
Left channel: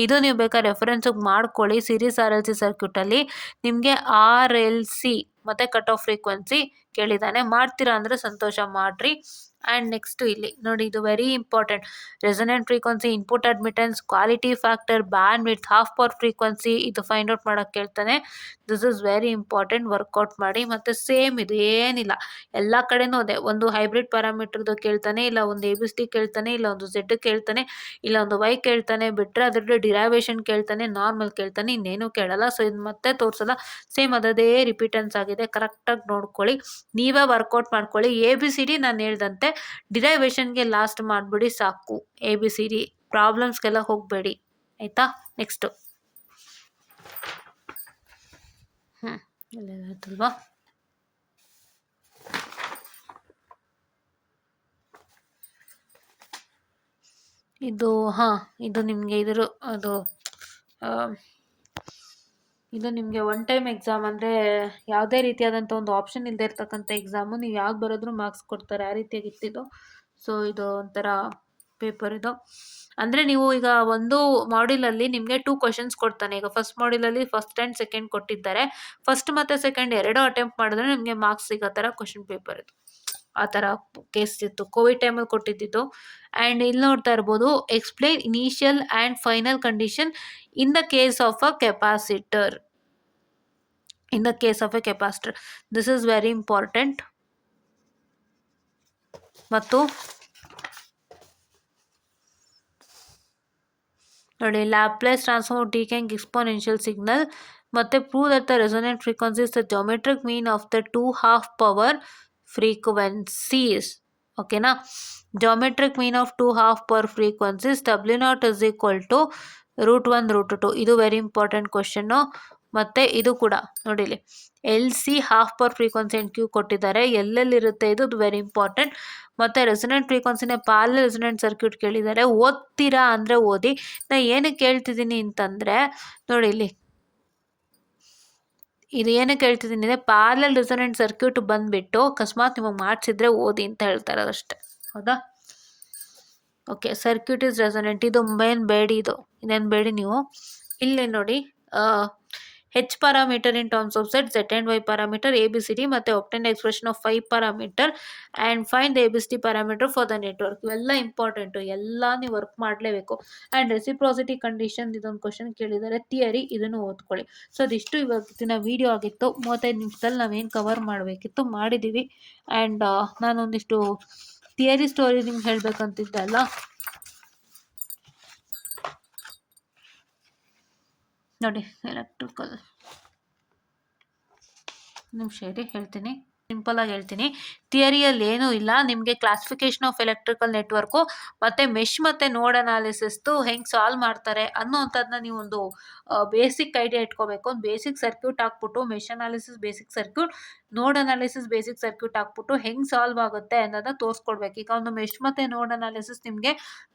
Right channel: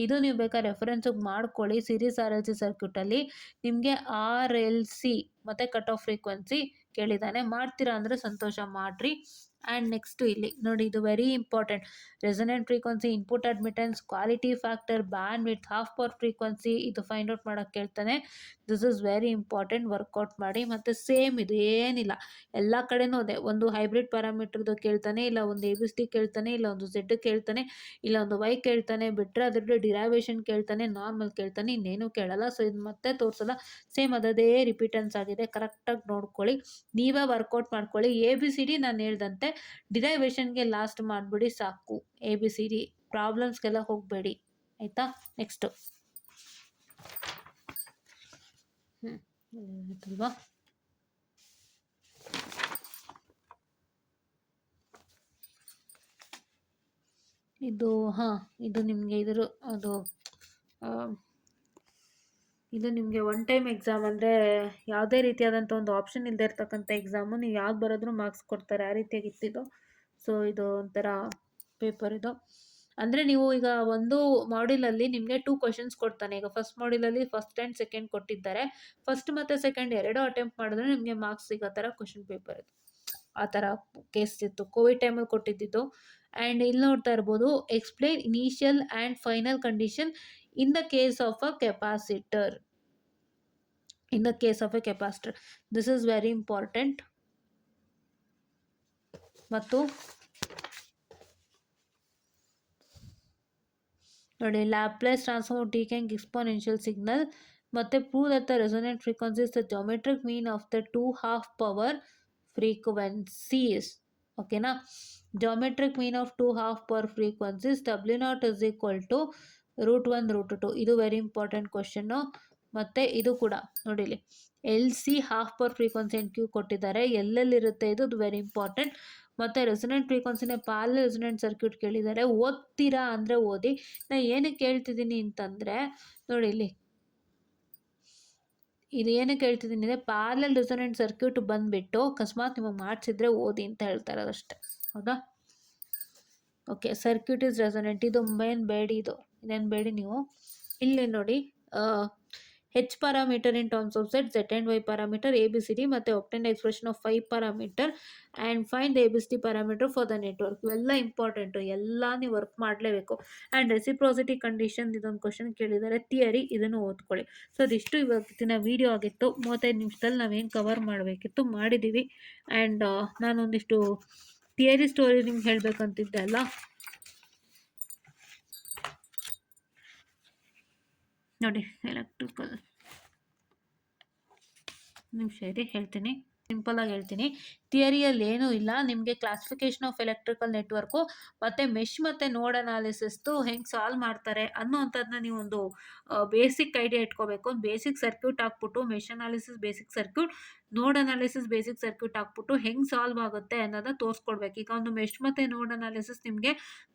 ಇದು ನೀವು ಬೇಕಾದ್ರೆ ರೆಫರೆನ್ಸಿಗೆ ಮಾಡ್ಕೊಳ್ಳಿ. ಸೀರೀಸ್ RLC ಸರ್ಕ್ಯೂಟಲ್ಲಿ ನಿಮಗೆ RLC ಮತ್ತು ಕಟ್ ಆಫ್ ಫ್ರೀಕ್ವೆನ್ಸಿ ಕೇಳಿದ್ದಾನೆ. ಮಾಡ್ತೀರಾ ಅಂದರೆ ಸಂತೋಷ, ಮಾಡಿರಿ. ಆ್ಯಂಡ್ ನೆಕ್ಸ್ಟು ಇಲ್ಲಿ ನೋಡಿ, ಇದು very important. Resonant frequency, input admittance, quality factor, bandwidth, half power frequency, ಇದು ಫೈಂಡ್ ಔಟ್ ಮಾಡೋಕ್ಕೆ ಕೇಳ್ತಾನೆ. This is very important, work out ಮಾಡಿ. ಮತ್ತು ಸೇಮ್ ಇದು ಏನಿಲ್ಲ, ಎಲ್ಲ ಕಡೆನೂ ಅದೇ. ಒಂದು ಹೈಬ್ರಿಡ್ ಪ್ಯಾರಾಮೀಟರ್ದು ಕೇಳ್ತಾನೆ, ಇಲ್ಲ ಒಂದು ABCD ಕೇಳ್ತಾನೆ, ಇಲ್ಲ ಒಂದು Z ಕೇಳ್ತಾನೆ, ಇಲ್ಲ ಒಂದು Y ಕೇಳ್ತಾನೆ. ಬಿಟ್ಟರೆ ಅದರದ್ದು ಡಿರೈವೇಷನ್ ಕೇಳ್ತಾನೆ, ನಾರ್ಮಲ್ ಕೇಳ್ತಾನೆ, ಇನ್ನೇನು ಕೇಳಲ್ಲ. ಸೊ ಇದು ಮತ್ತೆ ತೋರಿಸಲ್ಲ, ಸೇಮ್ ಅದೇ ರಿಪೀಟೆನ್ಸ್ ಆಗಿದೆ. ಕರೆಕ್ಟಾಗಿ ನೋಡ್ಕೊಳ್ಳಿ, ನೀವೇ ವರ್ಕೌಟ್ ಮಾಡ್ಕೊಳ್ಳಿ. ABCD ನಾನು ಹೇಳ್ದಂತೆ ಡಿರೈವೇಷನ್ಗೆ ಲಾಸ್ಟ್ ಮಾಡಿಬಿಡಿ ಸಾಕು. ABCD ಪ್ರಾಬ್ಲಮ್ಸ್ಗೆಲ್ಲ ಹೋಗಬೇಡಿ ಆಯಿತಾ. ನೆಕ್ಸ್ಟು ಇಲ್ಲೇನಾಯ್ತಲ್ವಾ, ಇದು ಇದು ನಿಮಗೆ ಇದು ನಿಮಗೆ ಒನ್ ಟೈಮ್ ಎಕ್ಸಾಮ್. ಅಂದರೆ ಯಾವುದೇ ರೀತಿಯಾದಂಥ ಒಂದು ಆಪ್ಷನ್ ಇಲ್ಲದೆ ಇರ್ತಕ್ಕಂಥ ಎಕ್ಸಾಮು. ನೀವು ಯಾವ್ದು ಬರೋದ್ರೂ ಮಾರ್ಕ್ಸ್ ಕೊಡ್ತಾರೆ, ಆ ರೀತಿಯಾಗಿತ್ತಿದ್ದು. ಸೊ ಇದು ಒಂಥರ ಪೇಪರ್ ಇದು. ಅಂದರೆ ನೀವು ಈಗ ಒಂದು ಮಾಡ್ಯೂಲಲ್ಲಿ ನಿಮಗೆ 2 ಕ್ವಶನ್ಸ್ ಕೊಡ್ತಾನೆ. ಈಗ ಫಸ್ಟ್ ಮಾಡ್ಯೂಲಲ್ಲಿ ಫಸ್ಟ್ ಆ್ಯಂಡ್ ಸೆಕೆಂಡ್ ಕೊಟ್ಟಿದ್ದಾರೆ. ಫಸ್ಟ್ ಮತ್ತು ಸೆಕೆಂಡ್ ಎರಡೂ ಅಟೆಂಪ್ಟ್ ಮಾಡಿದ್ರೆ ನಿಮಗೆ ಮಾರ್ಕ್ಸ್ ಸಿಗೋ ಥರ ಕ್ವಶನ್ ಪೇಪರ್ ಇದು. ಆ ಥರ ಕೇಸ್ ಇತ್ತು, ಕೋವಿಡ್ ಟೈಮಲ್ಲಿ ಕೊಟ್ಟಿದ್ದಿದ್ದು. ಆ್ಯಂಡ್ ಇಲ್ಲಿ ನೋಡ್ತಾ ಇರ್ಬೋದು, explain initial and final condition in the case of a capacitor. In the case of a capacitor, this is very important. ಮತ್ತು ನೋಡಿ, Laplace transform taking exponential signal, ಮತ್ತು prove that the resonant frequency is the geometric mean of the 2 half power frequencies. ಓಕೆನಾ. Geometric mean of two half power frequencies W0 is equal to √1 √2. ಇದು very important question. ಮತ್ತು ಇದು ಕೂಡ ನೋಡಿಲಿ, LC half power frequency and Q ಕೊಟ್ಟಿದ್ದಾರೆ, ಎಲ್ಲೆಲ್ಲಿರುತ್ತೆ ಇದು very important. ಮತ್ತು ರೆಸೊನೆಂಟ್ ಫ್ರೀಕ್ವೆನ್ಸಿನೇ ಪ್ಯಾರಲಲ್ ರೆಸೊನೆಂಟ್ ಸರ್ಕ್ಯೂಟ್ ಕೇಳಿದ್ದಾರೆ. ಓದ್ತೀರಾ ಅಂದರೆ ಓದಿ. ನಾನು ಏನಕ್ಕೆ ಹೇಳ್ತಿದ್ದೀನಿ ಅಂತಂದರೆ ನೋಡಿಲಿ, ಇದು ಏನಕ್ಕೆ ಹೇಳ್ತಿದ್ದೀನಿ ಅಂದರೆ ಪ್ಯಾರಲಲ್ ರೆಸೊನೆಂಟ್ ಸರ್ಕ್ಯೂಟ್ ಬಂದುಬಿಟ್ಟು ಅಕಸ್ಮಾತ್ ನಿಮಗೆ ಮಾಡಿಸಿದ್ರೆ ಓದಿ ಅಂತ ಹೇಳ್ತಾರೆ ಅಷ್ಟೇ. ಹೌದಾ? Okay, circuit is resonant. ಇದು ಮೇನ್ ಬೇಡಿ, ಇದೇನು ಬೇಡಿ ನೀವು ಇಲ್ಲಿ ನೋಡಿ. H parameter in terms of Z and Y parameter, ABCD ಮತ್ತು obtain expression of 5 parameter and find the ABCD parameter for the network. ಇವೆಲ್ಲ ಇಂಪಾರ್ಟೆಂಟು, ಎಲ್ಲ ನೀವು ವರ್ಕ್ ಮಾಡಲೇಬೇಕು. ಆ್ಯಂಡ್ ರೆಸಿಪ್ರಾಸಿಟಿ ಕಂಡೀಷನ್ ಇದೊಂದು ಕ್ವಶನ್ ಕೇಳಿದ್ದಾರೆ. ಥಿಯರಿ ಇದನ್ನು ಓದ್ಕೊಳ್ಳಿ. ಸೊ ಅದಿಷ್ಟು ಇವತ್ತಿನ ವಿಡಿಯೋ ಆಗಿತ್ತು. 35 ನಿಮಿಷದಲ್ಲಿ ನಾವೇನು ಕವರ್ ಮಾಡಬೇಕಿತ್ತು ಮಾಡಿದ್ದೀವಿ. ಆ್ಯಂಡ್ ನಾನೊಂದಿಷ್ಟು ಥಿಯರಿ ಸ್ಟೋರಿ ನಿಮ್ಗೆ ಹೇಳಬೇಕಂತಿದ್ದೆ ಅಲ್ಲ, ನೋಡಿ. ಎಲೆಕ್ಟ್ರಿಕಲ್ ನಿಮಿಷ ಇರಿ, ಹೇಳ್ತೀನಿ, ಸಿಂಪಲಾಗಿ ಹೇಳ್ತೀನಿ. ಥಿಯರಿಯಲ್ಲಿ ಏನೂ ಇಲ್ಲ, ನಿಮಗೆ ಕ್ಲಾಸಿಫಿಕೇಶನ್ ಆಫ್ ಎಲೆಕ್ಟ್ರಿಕಲ್ ನೆಟ್ವರ್ಕು ಮತ್ತು ಮೆಶ್ ಮತ್ತು ನೋಡ್ ಅನಾಲಿಸಿಸ್ದು ಹೆಂಗೆ ಸಾಲ್ವ್ ಮಾಡ್ತಾರೆ ಅನ್ನೋವಂಥದ್ದನ್ನ ನೀವು ಒಂದು ಬೇಸಿಕ್ ಐಡಿಯಾ ಇಟ್ಕೋಬೇಕು. ಒಂದು ಬೇಸಿಕ್ ಸರ್ಕ್ಯೂಟ್ ಹಾಕ್ಬಿಟ್ಟು ಮೆಶ್ ಅನಾಲಿಸಿಸ್ ಬೇಸಿಕ್ ಸರ್ಕ್ಯೂಟ್, ನೋಡ್ ಅನಾಲಿಸಿಸ್ ಬೇಸಿಕ್ ಸರ್ಕ್ಯೂಟ್ ಹಾಕ್ಬಿಟ್ಟು ಹೆಂಗೆ ಸಾಲ್ವ್ ಆಗುತ್ತೆ ಅನ್ನೋದನ್ನ ತೋರಿಸ್ಕೊಡ್ಬೇಕು. ಈಗ ಒಂದು ಮೆಶ್ ಮತ್ತು ನೋಡ್ ಅನಾಲಿಸಿಸ್ ನಿಮಗೆ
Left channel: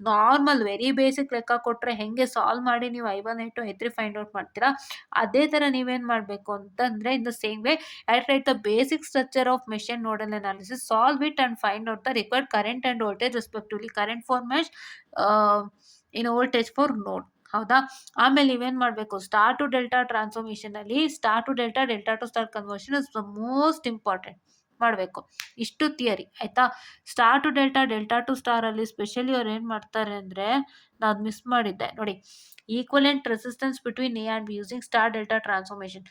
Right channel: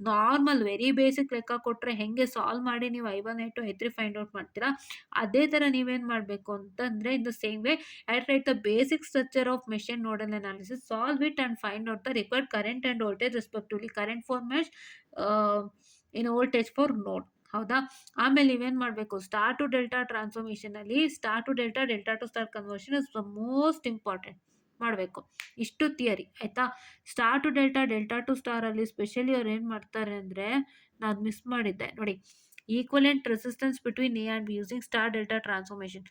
ನಾರ್ಮಲ್ ವೆರಿ ಬೇಸಿಕ್ ಲೆಕ್ಕ ಕೊಟ್ಟರೆ ಹೆಂಗೆ ಸಾಲ್ವ್ ಮಾಡಿ ನೀವು I1 I2 I3 find out ಮಾಡ್ತೀರಾ, ಅದೇ ಥರ ನೀವೇನು ಮಾಡಬೇಕು ಅಂತಂದರೆ in the same way write the basic structure of mesh and nodal analysis, solve it and find out the required current and voltage respectively. Current for mesh, in voltage for node. ಹೌದಾ? ಆಮೇಲೆ ನೀವೇನು ಮಾಡಬೇಕು, star to delta ಟ್ರಾನ್ಸ್ಫಾರ್ಮೇಷನಲ್ಲಿ star to delta, delta to star conversion is the most important ಮಾಡಬೇಕು. ಇಷ್ಟು theory ಆಯಿತಾ. Star to delta, delta to ಸ್ಟಾರಲ್ಲಿ specially ಅವ್ರು ಏನು ಮಾಡ್ತಾರೆ ಅಂದರೆ, ನಾನು ಮಿಸ್ ಮಾಡಿದ್ದೆ ನೋಡಿ, equivalent resistance between A and B using star delta transformation.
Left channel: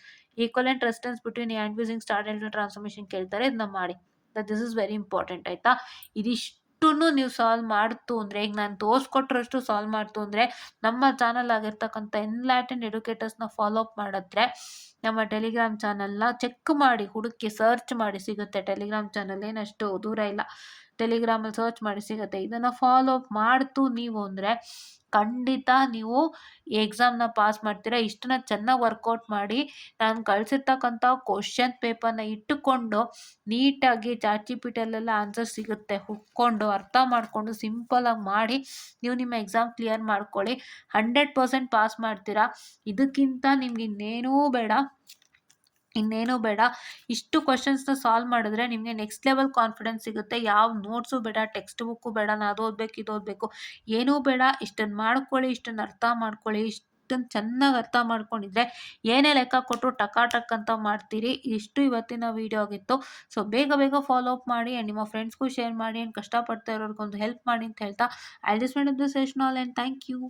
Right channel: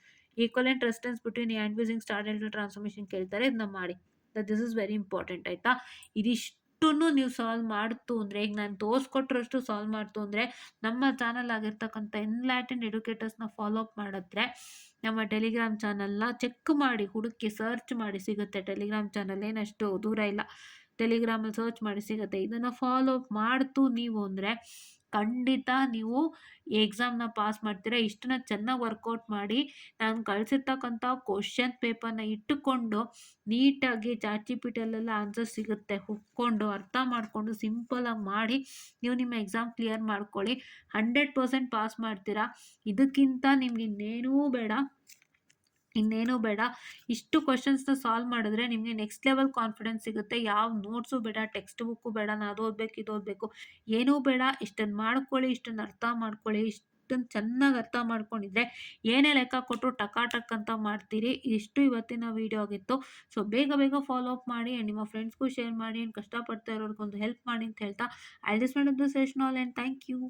Equivalent resistance between A and B using star delta transformation ಕೇಳ್ತಾರೆ, ಇದನ್ನ ಮಾಡಿ. ದಿಸ್ ಇಸ್ ವೆರಿ ಇಂಪಾರ್ಟೆಂಟ್ ಆಯಿತಾ. ಇದಿಷ್ಟನ್ನು ನೀವು ಸಾಲ್ವ್ ಮಾಡ್ತು ಅಂದರೆ, ಈಗ ನಾನು ತೋರಿಸ್ಕೊಟ್ರಷ್ಟು ಸಾಲ್ವ್ ಮಾಡ್ತು ಅಂದರೆ, ನಮ್ಮ ಚಾನಲ್ ಆಗಿರ್ತಕ್ಕಂಥ ಎನ್ಲೈಟೆಂಡ್ ಎಡ್ಯುಕೇಟರ್ಸ್ನ ಫಾಲೋ ಅಪ್ ಮಾಡಿದ್ರೆ ನಮ್ಮ ಟೆಲಿಗ್ರಾಮ್ ಚಾನಲ್ನ ಚೆಕ್ ಮಾಡಿ, ಹುಡುಕಿ ಸರ್ಚ್ ಮಾಡಿ ಸಿಗುತ್ತೆ. ಟೆಲಿಗ್ರಾಮ್ ಚಾನಲ್ ಏನಷ್ಟು ದೂರ ಇಲ್ಲ, ಟೆಲಿಗ್ರಾಮಲ್ಲಿ ಸರ್ಚ್ ಮಾಡಿ ಸಿಗುತ್ತೆ. ಇದನ್ನು ಫಾಲೋ ಅಪ್ ಮಾಡ್ತು ನೀವು ಅಂದರೆ ಖಂಡಿತ ನೀವು ಎಕ್ಸಾಮ್ನ ಪಾಸ್ ಮಾಡ್ತೀರಾ. ಇಷ್ಟನ್ನ ಚೆನ್ನಾಗಿ ವರ್ಕೌಟ್ ಮಾಡಿ, ನಾನು ಕಳಿಸಿರ್ತಕ್ಕಂಥ ಕ್ವಶನ್ ಪೇಪರ್ನ ಇಟ್ಟುಕೊಂಡು ನೀಟಾಗಿ ChatGPTಯಲ್ಲೆಲ್ಲ ಆನ್ಸರ್ ಸಿಗುತ್ತೆ, ಹುಡ್ಕೊಂಡು ಅರ್ಥ ಮಾಡಿಕೊಂಡು ಸಿಂಪಲಾಗಿ ಮಾಡಿ ನೀವು ನಿಮ್ಮ ಎಕ್ಸಾಮ್ ಕ್ಲಿಯರ್ ಮಾಡ್ಕೊಳ್ಳಿ. 100% ಪಾಸ್ ಮಾಡ್ತೀರಾ. ಇದಕ್ಕಿಂತ ನಿಮ್ಗೆ ಇನ್ನೇನೂ ಬೇಡ. ಇಷ್ಟು ಕ್ವಶನ್ಸ್ನ ಸಾಲ್ವ್ ಮಾಡಿದ್ರೆ ನಿಮಗೆ ನೆಕ್ಸ್ಟ್ ಲೆವೆಲ್ ಕಾನ್ಫಿಡೆನ್ಸ್ ಸಿಗುತ್ತೆ. ಯಾವ ನೋಟ್ಸು ಬೇಡ, ಟೆಕ್ಸ್ಟ್ ಬುಕ್ಕು ಬೇಡ, ನಾನು ಅದು ಓದಬೇಕು ಇದು ಓದಬೇಕು ಏನೂ ಬೇಡ. ಇಷ್ಟನ್ನು ಮಾಡ್ಕೊಳ್ಳಿ, ಇಷ್ಟನ್ನು ಅರ್ಥ ಮಾಡ್ಕೊಳ್ಳಿ. ಇಷ್ಟನ್ನು ಚೆನ್ನಾಗಿ ಅರ್ಥ ಮಾಡ್ಕೊಂಡಿದ್ರೆ ಏನೇ ಲೆಕ್ಕ ಕೊಟ್ಟರು ಟಕ್ ಅಂತ ಮಾಡ್ತೀರಿ. ಇಷ್ಟು ಇವತ್ತಿನ ವೀಡಿಯೋ ಆಗಿತ್ತು. ಸೊ ಬೇಗ ಫಾಲೋ ಅಪ್ ಮಾಡಿ ಆ್ಯಂಡ್ ನಿಮ್ಮ ಫ್ರೆಂಡ್ಸ್ಗೂ ಶೇರ್ ಮಾಡಿ ಆ್ಯಂಡ್ ಕಷ್ಟಪಡ್ತಾ ಇರೋರ್ಗೊಂದು ಹೆಲ್ಪ್ ಮಾಡಿ ಅಂತ ಹೇಳ್ತಾ, I just want to this session all and thank you.